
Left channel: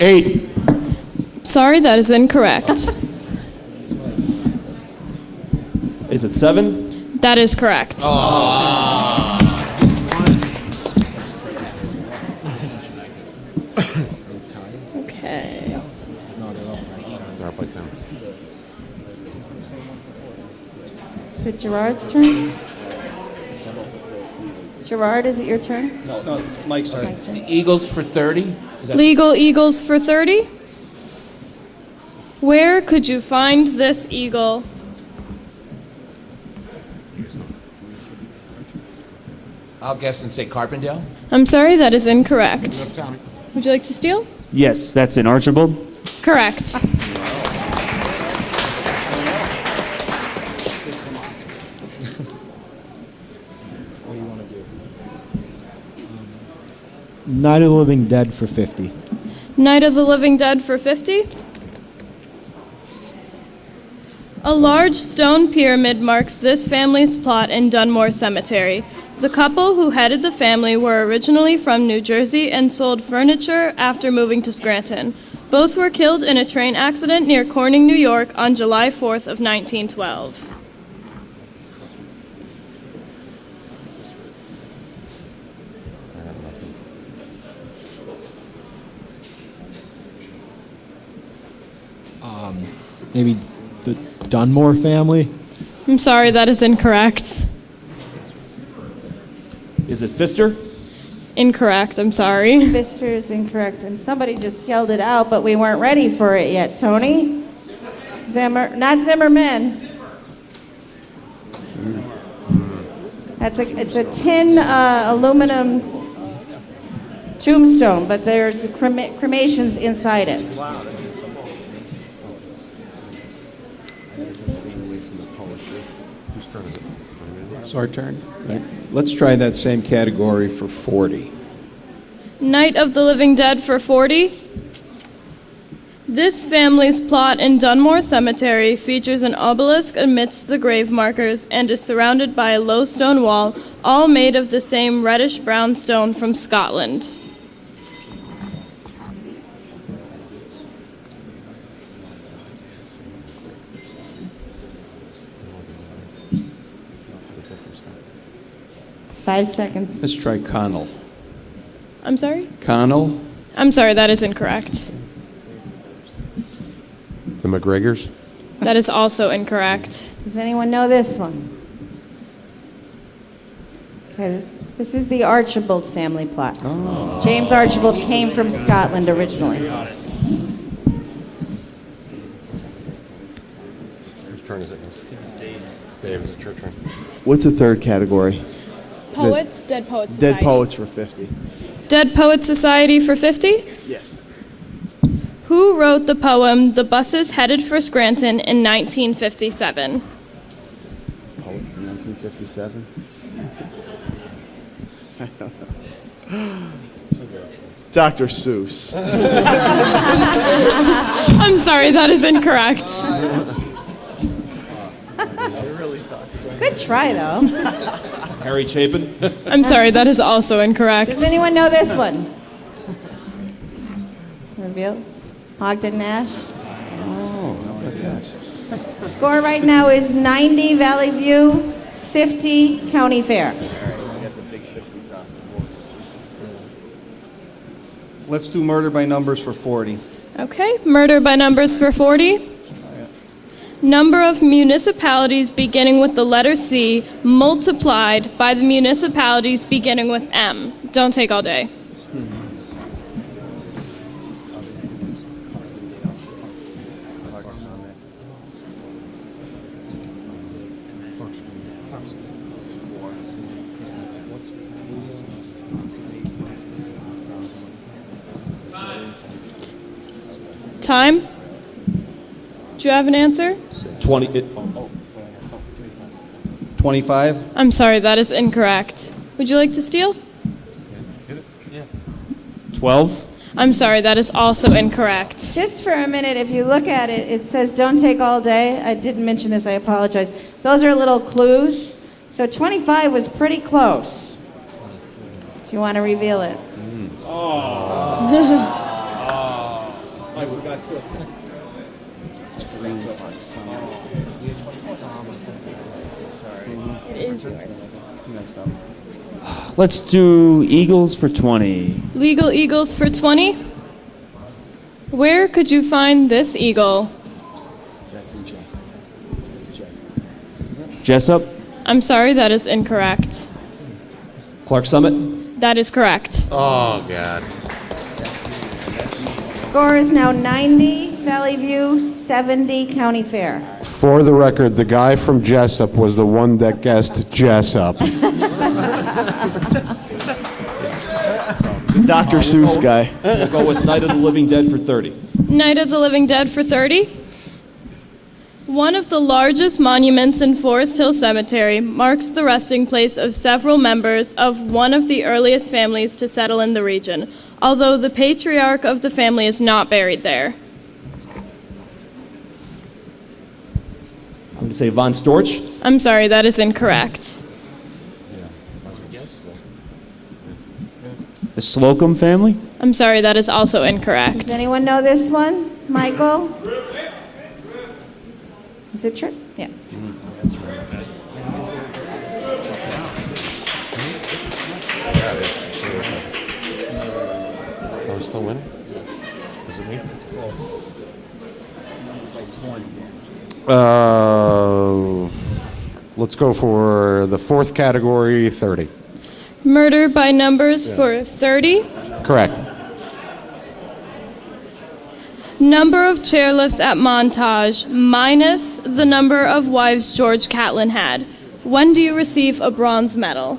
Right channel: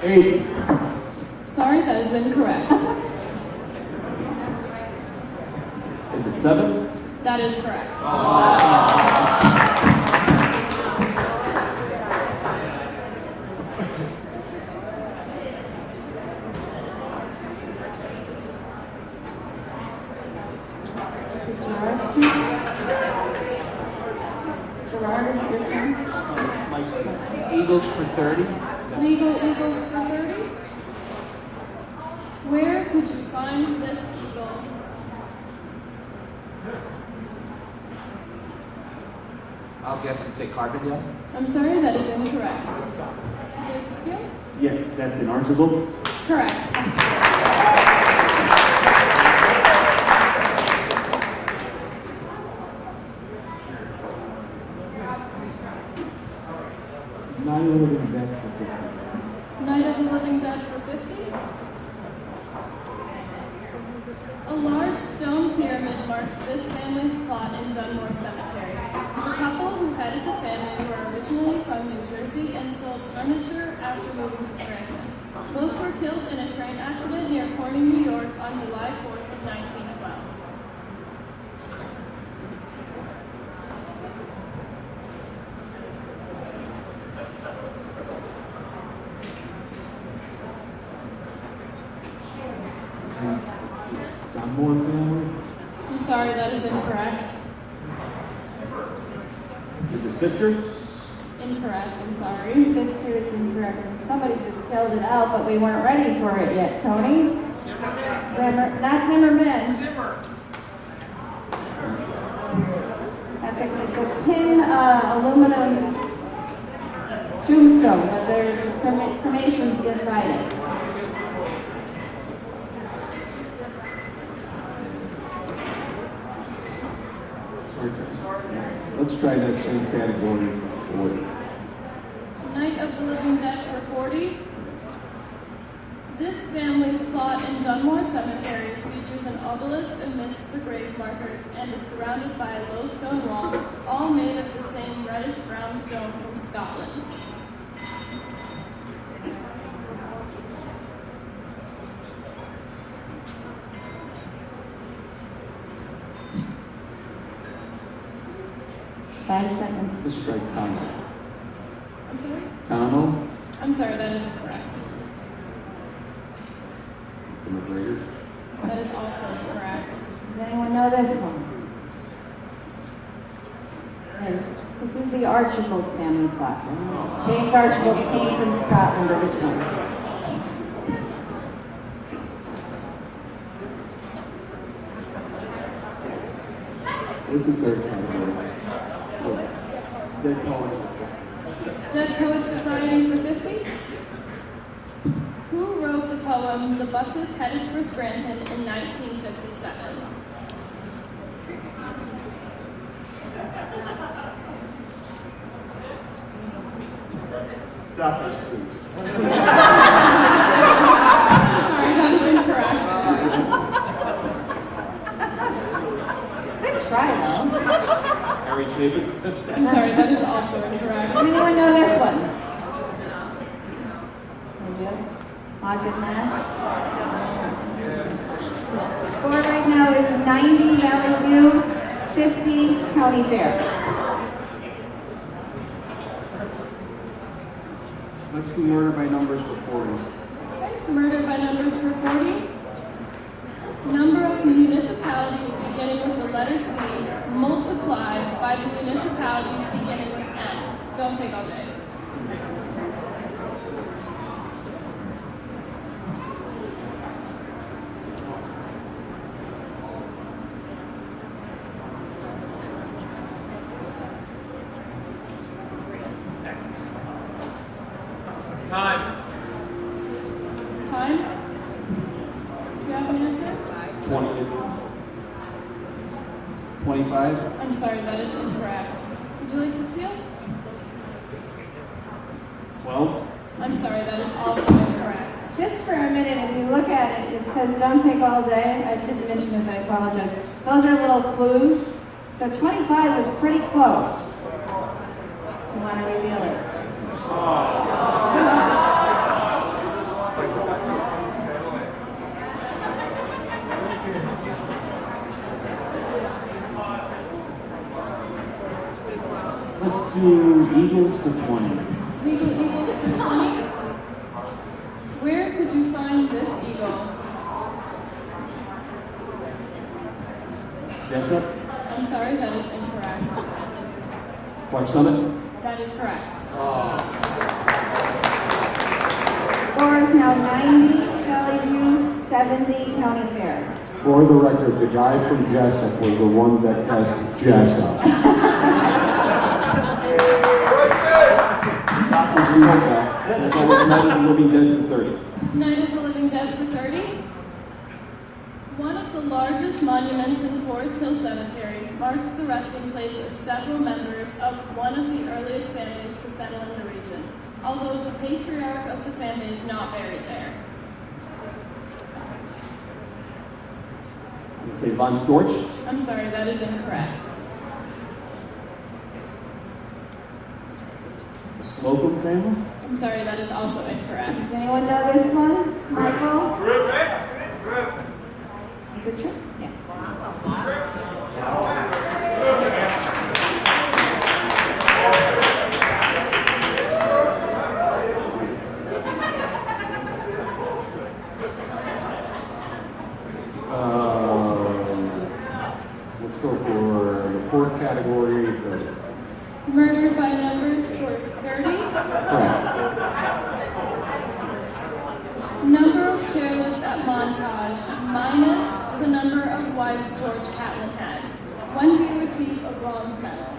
8. Sorry, that is incorrect. Is it 7? That is correct. Okay. Is it Gerard's turn? Gerard, is it your turn? Mike's turn. Eagles for 30? Is that- Legal eagles for 30. Where could you find this eagle? I'll guess and say Carbondale. I'm sorry, that is incorrect. Would you like to steal? Yes, that's in Archibald. Correct. Night of the Living Dead for 50. Night of the Living Dead for 50. A large stone pyramid marks this family's plot in Dunmore Cemetery. The couple who headed the family were originally from New Jersey and sold furniture after moving to Scranton. Both were killed in a train accident near Corning, New York on July 4th of 1912. Maybe the Dunmore family? I'm sorry, that is incorrect. Is it Pfister? Incorrect, I'm sorry. Pfister is incorrect, and somebody just yelled it out, but we weren't ready for it yet. Tony? Not Zimmerman. It's a tin aluminum tombstone, but there's cremations inside it. It's our turn. Let's try that same category for 40. Night of the Living Dead for 40. This family's plot in Dunmore Cemetery features an obelisk amidst the grave markers and is surrounded by a low stone wall, all made of the same reddish-brown stone from Scotland. Five seconds. Let's try Connell. I'm sorry? Connell? I'm sorry, that is incorrect. The McGregors? That is also incorrect. Does anyone know this one? Okay. This is the Archibald family plot. James Archibald came from Scotland originally. What's the third category? Poets? Dead Poets Society. Dead Poets for 50. Dead Poets Society for 50? Yes. Who wrote the poem The Buses Headed for Scranton in 1957? 1957. Dr. Seuss. I'm sorry, that is incorrect. Good try, though. Harry Chapin? I'm sorry, that is also incorrect. Does anyone know this one? Reveal? Ogden Nash? Score right now is 90 Valley View, 50 County Fair. Let's do Murder by Numbers for 40. Okay, murder by numbers for 40. Number of municipalities beginning with the letter C multiplied by the municipalities beginning with M. Don't take all day. Time? Do you have an answer? 25. I'm sorry, that is incorrect. Would you like to steal? 12? I'm sorry, that is also incorrect. Just for a minute, if you look at it, it says don't take all day. I didn't mention this, I apologize. Those are little clues. So 25 was pretty close. If you want to reveal it. Let's do Eagles for 20. Legal eagles for 20? Where could you find this eagle? Jessup? I'm sorry, that is incorrect. Clark Summit? That is correct. Oh, God. Score is now 90, Valley View, 70, County Fair. For the record, the guy from Jessup was the one that guessed Jessup. Dr. Seuss guy. We'll go with Night of the Living Dead for 30. Night of the Living Dead for 30? One of the largest monuments in Forest Hill Cemetery marks the resting place of several members of one of the earliest families to settle in the region, although the patriarch of the family is not buried there. I'm going to say Von Storch. I'm sorry, that is incorrect. The Slocum family? I'm sorry, that is also incorrect. Does anyone know this one? Michael? Is it true? Yeah. Are you still winning? Let's go for the fourth category, 30. Murder by numbers for 30? Correct. Number of chairlifts at Montage minus the number of wives George Catlin had. When do you receive a bronze medal?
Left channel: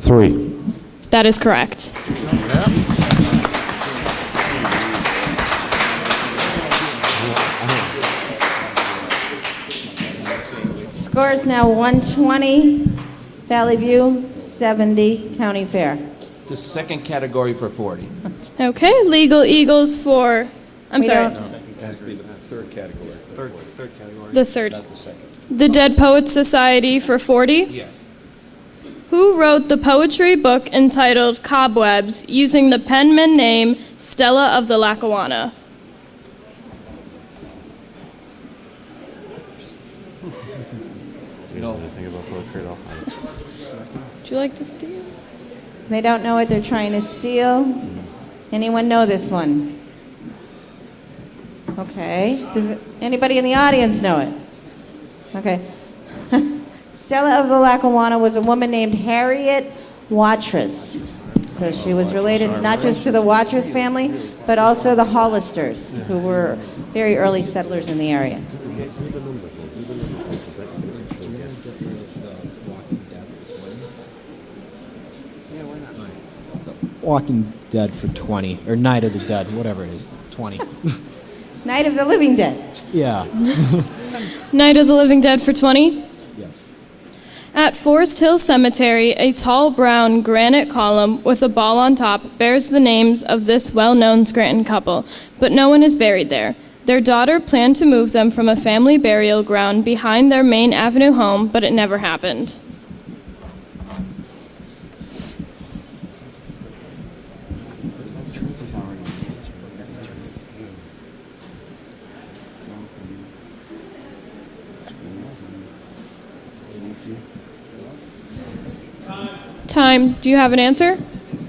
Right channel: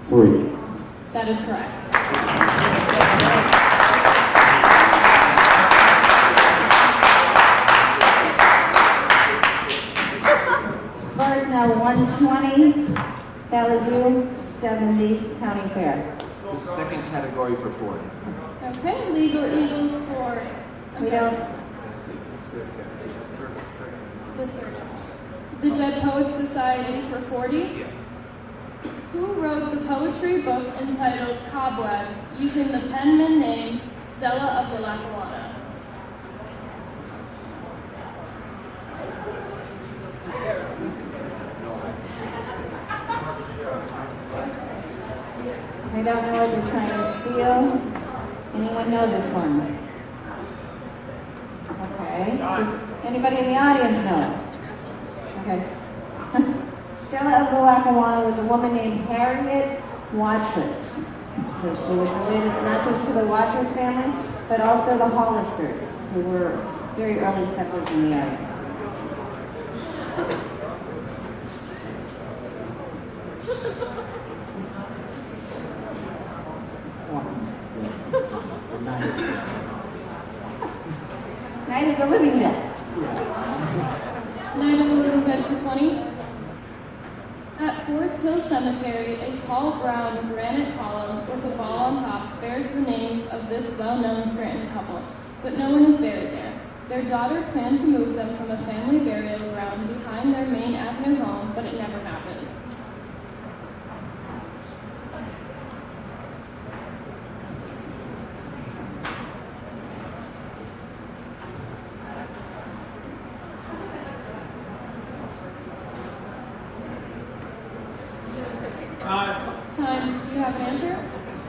3. That is correct. Score is now 120, Valley View, 70, County Fair. The second category for 40. Okay, legal eagles for, I'm We sorry, don't- the third. The Dead Poets Society for 40? Yes. Who wrote the poetry book entitled Cobwebs using the penman name Stella of the Lackawanna? Would you like to steal? They don't know what they're trying to steal. Anyone know this one? Okay. Does anybody in the audience know it? Okay. Stella of the Lackawanna was a woman named Harriet Watrous. So she was related not just to the Watrous family, but also the Hollisters, who were very early settlers in the area. Walking Dead for 20, or Night of the Dead, whatever it is, 20. Night of the Living Dead. Yeah. Night of the Living Dead for 20? Yes. At Forest Hill Cemetery, a tall brown granite column with a ball on top bears the names of this well-known Scranton couple, but no one is buried there. Their daughter planned to move them from a family burial ground behind their Main Avenue home, but it never happened. Time. Do you have an answer?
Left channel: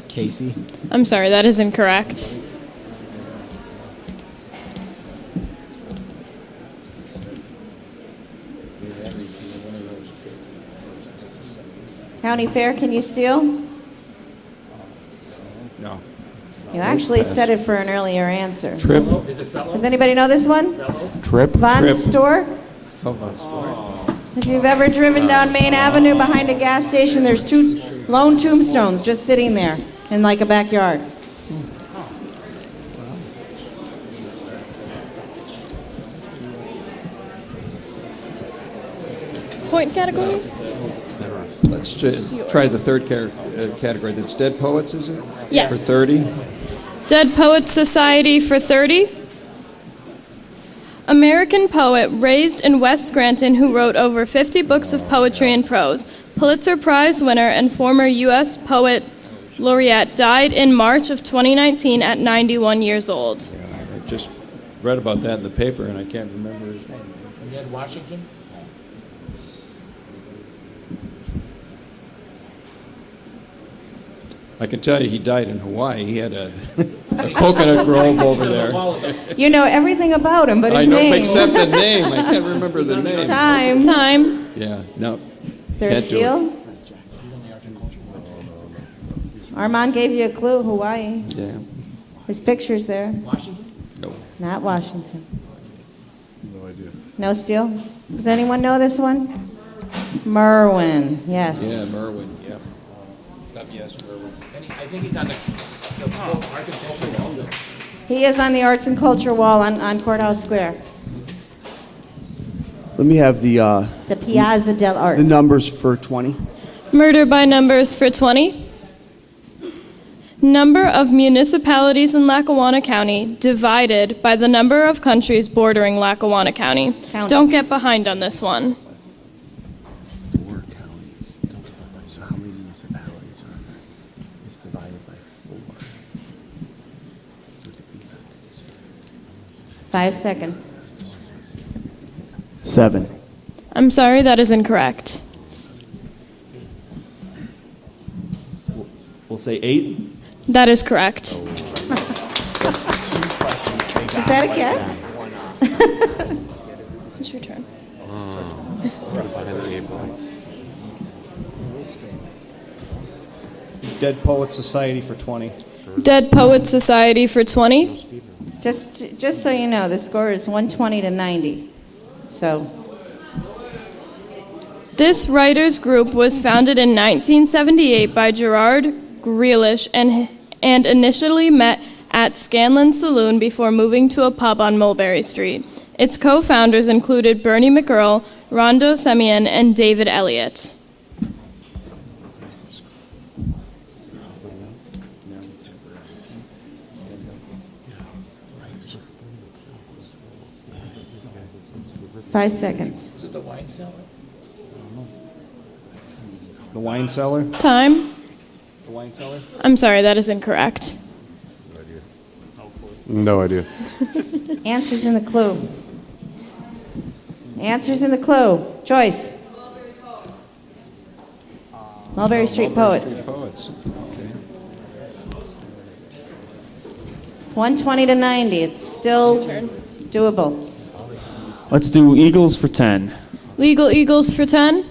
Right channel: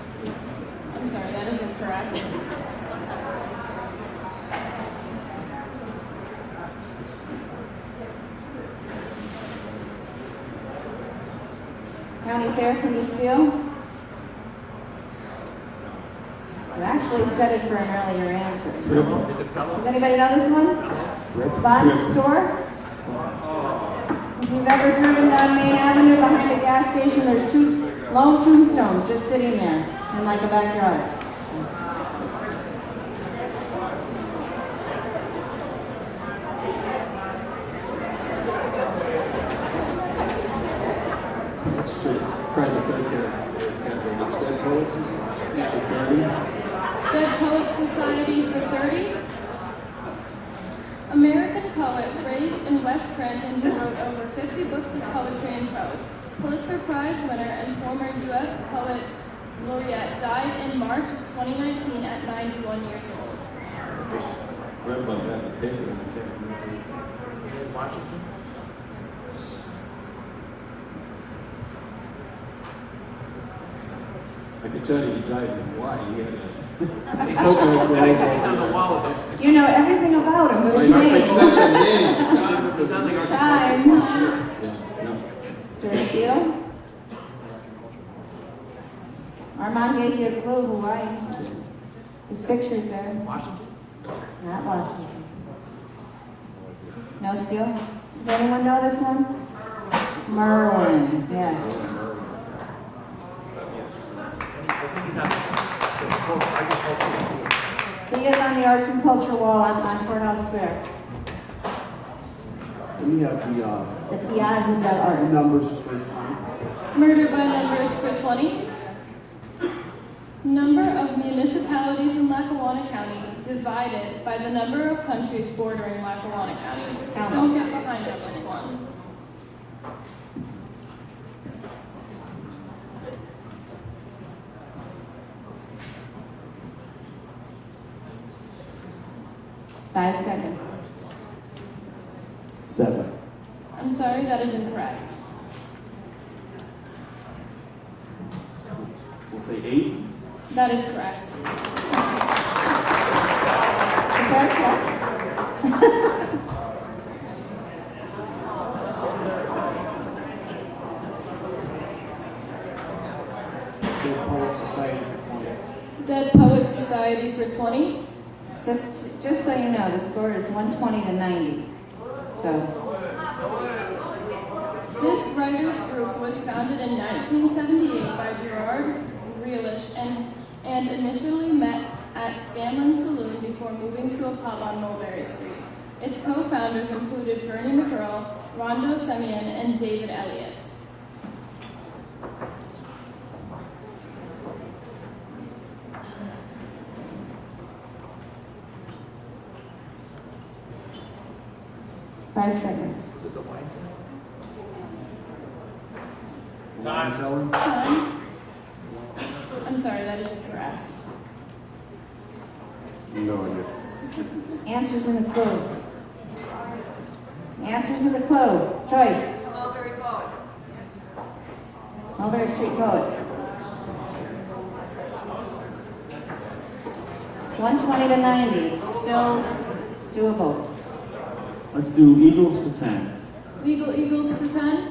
Casey. I'm sorry, that is incorrect. County Fair, can you steal? No. You actually said it for an earlier answer. Trip. Does anybody know this one? Trip. Von Trip. Store? If you've ever driven down Main Avenue behind a gas station, there's two lone tombstones just sitting there in like a backyard. point category? Let's just try the third category. That's Dead Poets, is it? Yes. For 30. Dead Poets Society for 30. American poet raised in West Scranton who wrote over 50 books of poetry and prose. Pulitzer Prize winner and former U.S. Poet Laureate died in March of 2019 at 91 years old. I just read about that in the paper and I can't remember which one. Dead Washington? I can tell you he died in Hawaii. He had a coconut grove over there. You know everything about him, but I his know, name. except the name. I can't remember the name. Time. Yeah, no. Is there a Can't do it. steal? Armand gave you a clue, Hawaii. Yeah. His picture's there. Washington? No. Not Washington. No steal? Does anyone know this one? Merwin, yes. Yeah, Merwin. Yeah. I think he's on the agricultural wall. He is on the Arts and Culture wall on Courthouse Square. Let me have the Piazza del Arte. numbers for 20. Murder by numbers for 20. Number of municipalities in Lackawanna County divided by the number of countries bordering Lackawanna County. Count Don't us. get behind on this one. Five seconds. 7. I'm sorry, that is incorrect. We'll say 8. That is correct. Is that a guess? It's your turn. Dead Poets Society for 20. Dead Poets Society for 20. Just so you know, the score is 120 to 90. So, This writers group was founded in 1978 by Gerard Grealish and initially met at Scanlon Saloon before moving to a pub on Mulberry Street. Its co-founders included Bernie McEarl, Rondo Semien, and David Elliott. five seconds. The Wine Cellar? Time. The Wine Cellar? I'm sorry, that is incorrect. No idea. Answers in the clue. Answers in the clue. Choice. Mulberry Street Poets. It's 120 to 90. It's still doable. Let's do Eagles for 10. Legal Eagles for 10.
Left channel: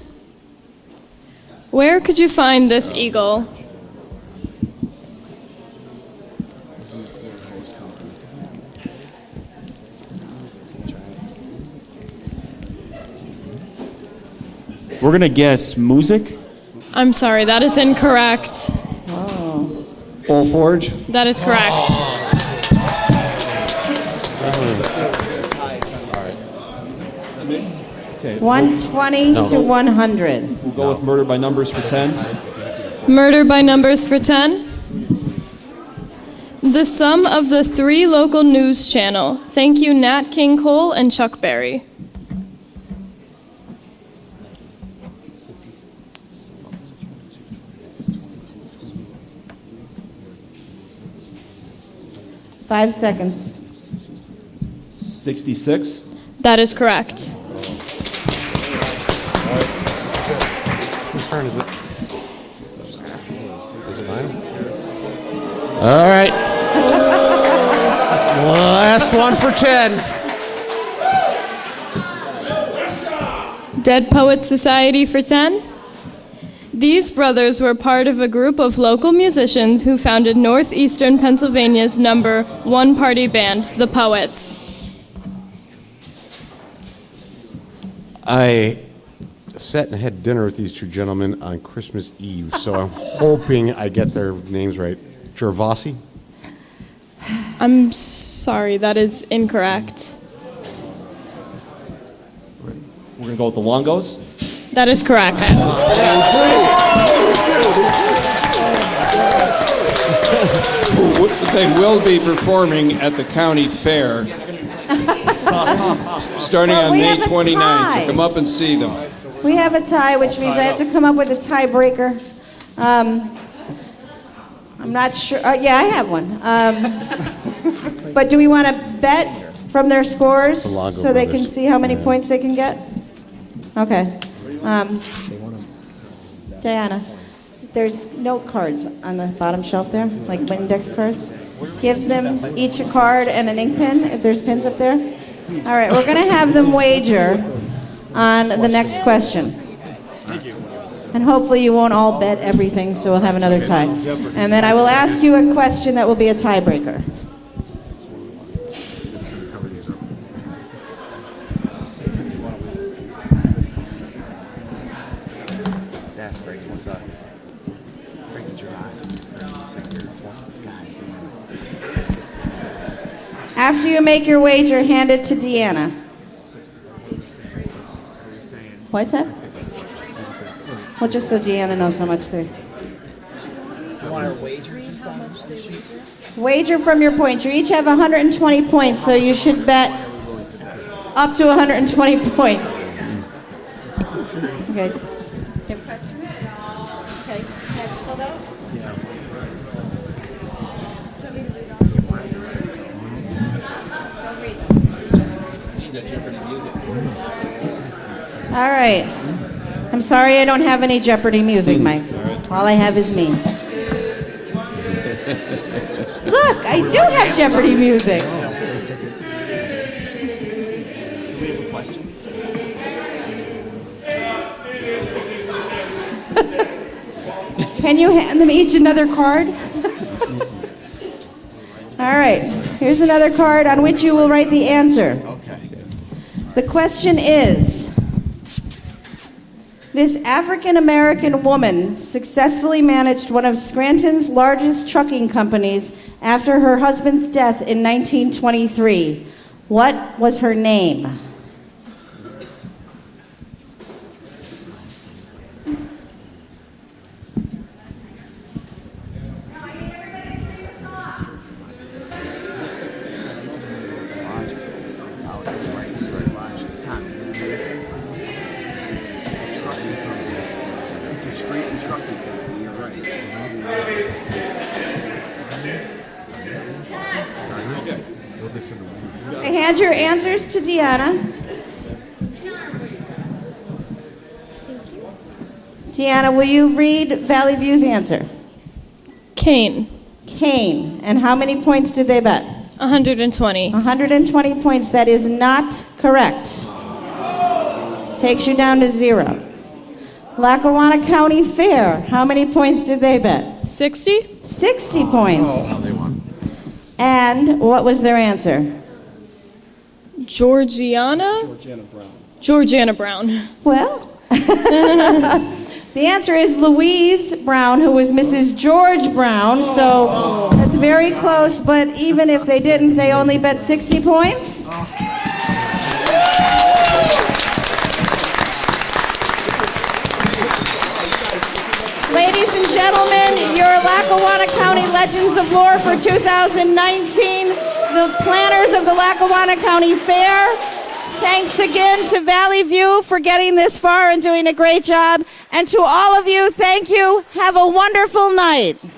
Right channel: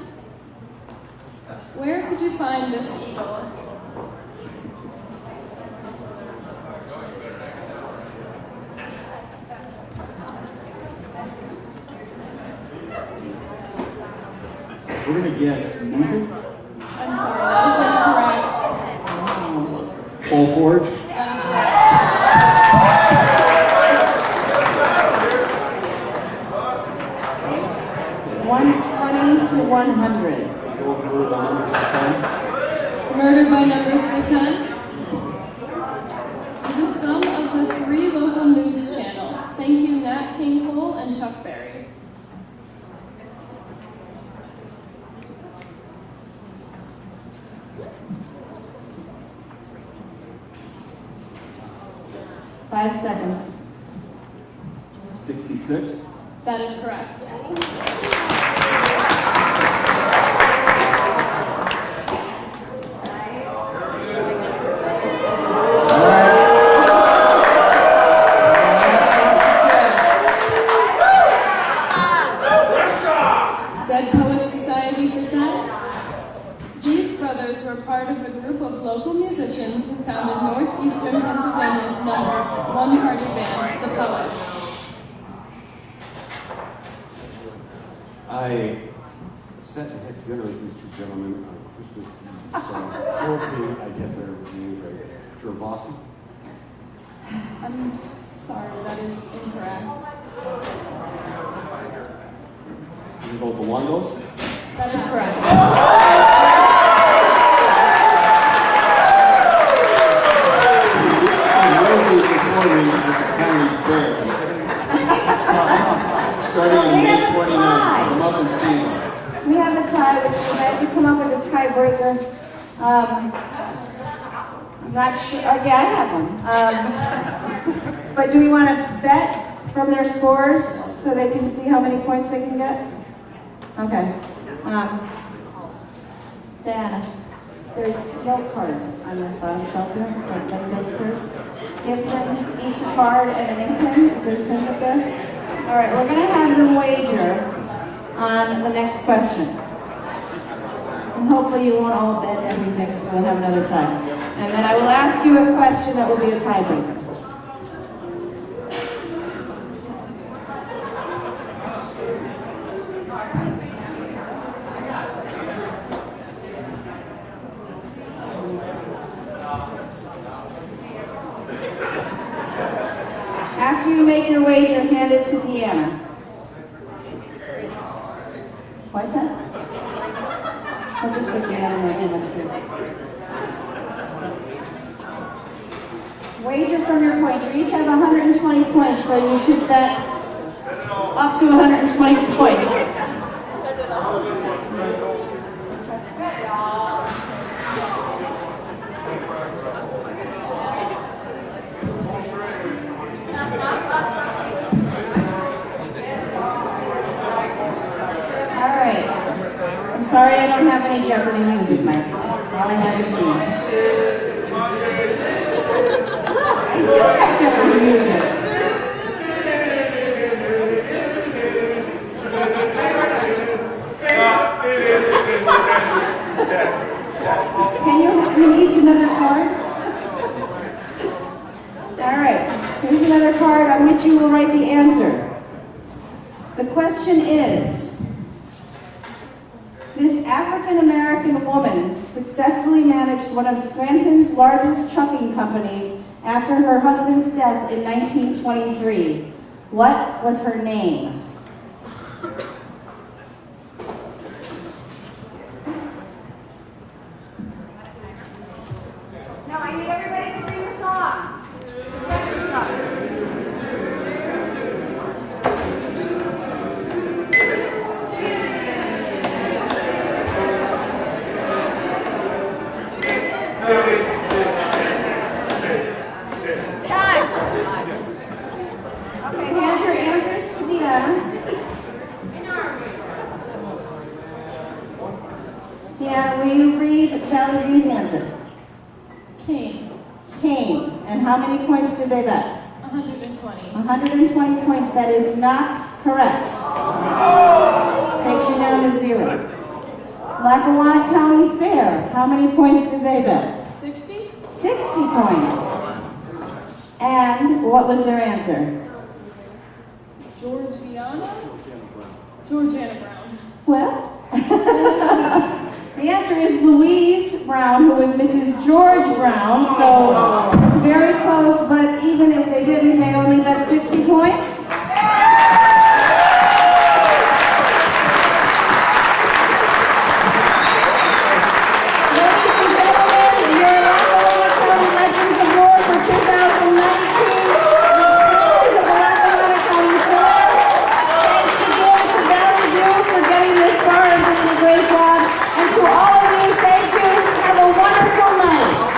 Where could you find this eagle? We're going to guess music. I'm sorry, that is incorrect. Pole Forge? That is correct. Okay. 120 to 100. We'll go with Murder by Numbers for 10. Murder by numbers for 10. The sum of the 3 local news channel. Thank you, Nat King Cole and Chuck Berry. Five seconds. 66. That is correct. All right. Last one for 10. Dead Poets Society for 10. These brothers were part of a group of local musicians who founded northeastern Pennsylvania's number 1 party band, the Poets. I sat and had dinner with these two gentlemen on Christmas Eve, so I'm hoping I get their names right. Gervasi? I'm sorry, that is incorrect. We're going to go with the Longos. That is correct. They will be performing at the county fair starting on we May have a 29th. tie. So come up and see them. We have a tie, which means I have to come up with a tiebreaker. I'm not sure. Yeah, I have one. But do we want to bet from their scores so they can see how many points they can get? Okay. Diana, there's note cards on the bottom shelf there, like index cards. Give them each a card and an ink pen, if there's pins up there. All right, we're going to have them wager on the next question. And hopefully you won't all bet everything, so we'll have another tie. And then I will ask you a question that will be a tiebreaker. After you make your wager, hand it to Deanna. What's that? Well, just so Deanna knows how much they're... Wager from your points. You each have 120 points, so you should bet up to 120 points. Okay. All right. I'm sorry I don't have any Jeopardy music, Mike. All I have is me. Look, I do have Jeopardy music. Can you hand them each another card? All right. Here's another card on which you will write the answer. The question is, this African-American woman successfully managed one of Scranton's largest trucking companies after her husband's death in 1923. What was her name? Now I need everybody to sing the song. Okay, hand your answers to Deanna. Deanna, will you read Valley View's answer? Kane. Kane. And how many points did they bet? 120. 120 points. That is not correct. Takes you down to 0. Lackawanna County Fair. How many points did they bet? 60? 60 points. And what was their answer? Georgiana? Georgiana Brown. Well, the answer is Louise Brown, who was Mrs. George Brown, so that's very close, but even if they didn't, they only bet 60 points. Ladies and gentlemen, your Lackawanna County Legends of Lore for 2019, the planners of the Lackawanna County Fair. Thanks again to Valley View for getting this far and doing a great job. And to all of you, thank you. Have a wonderful night.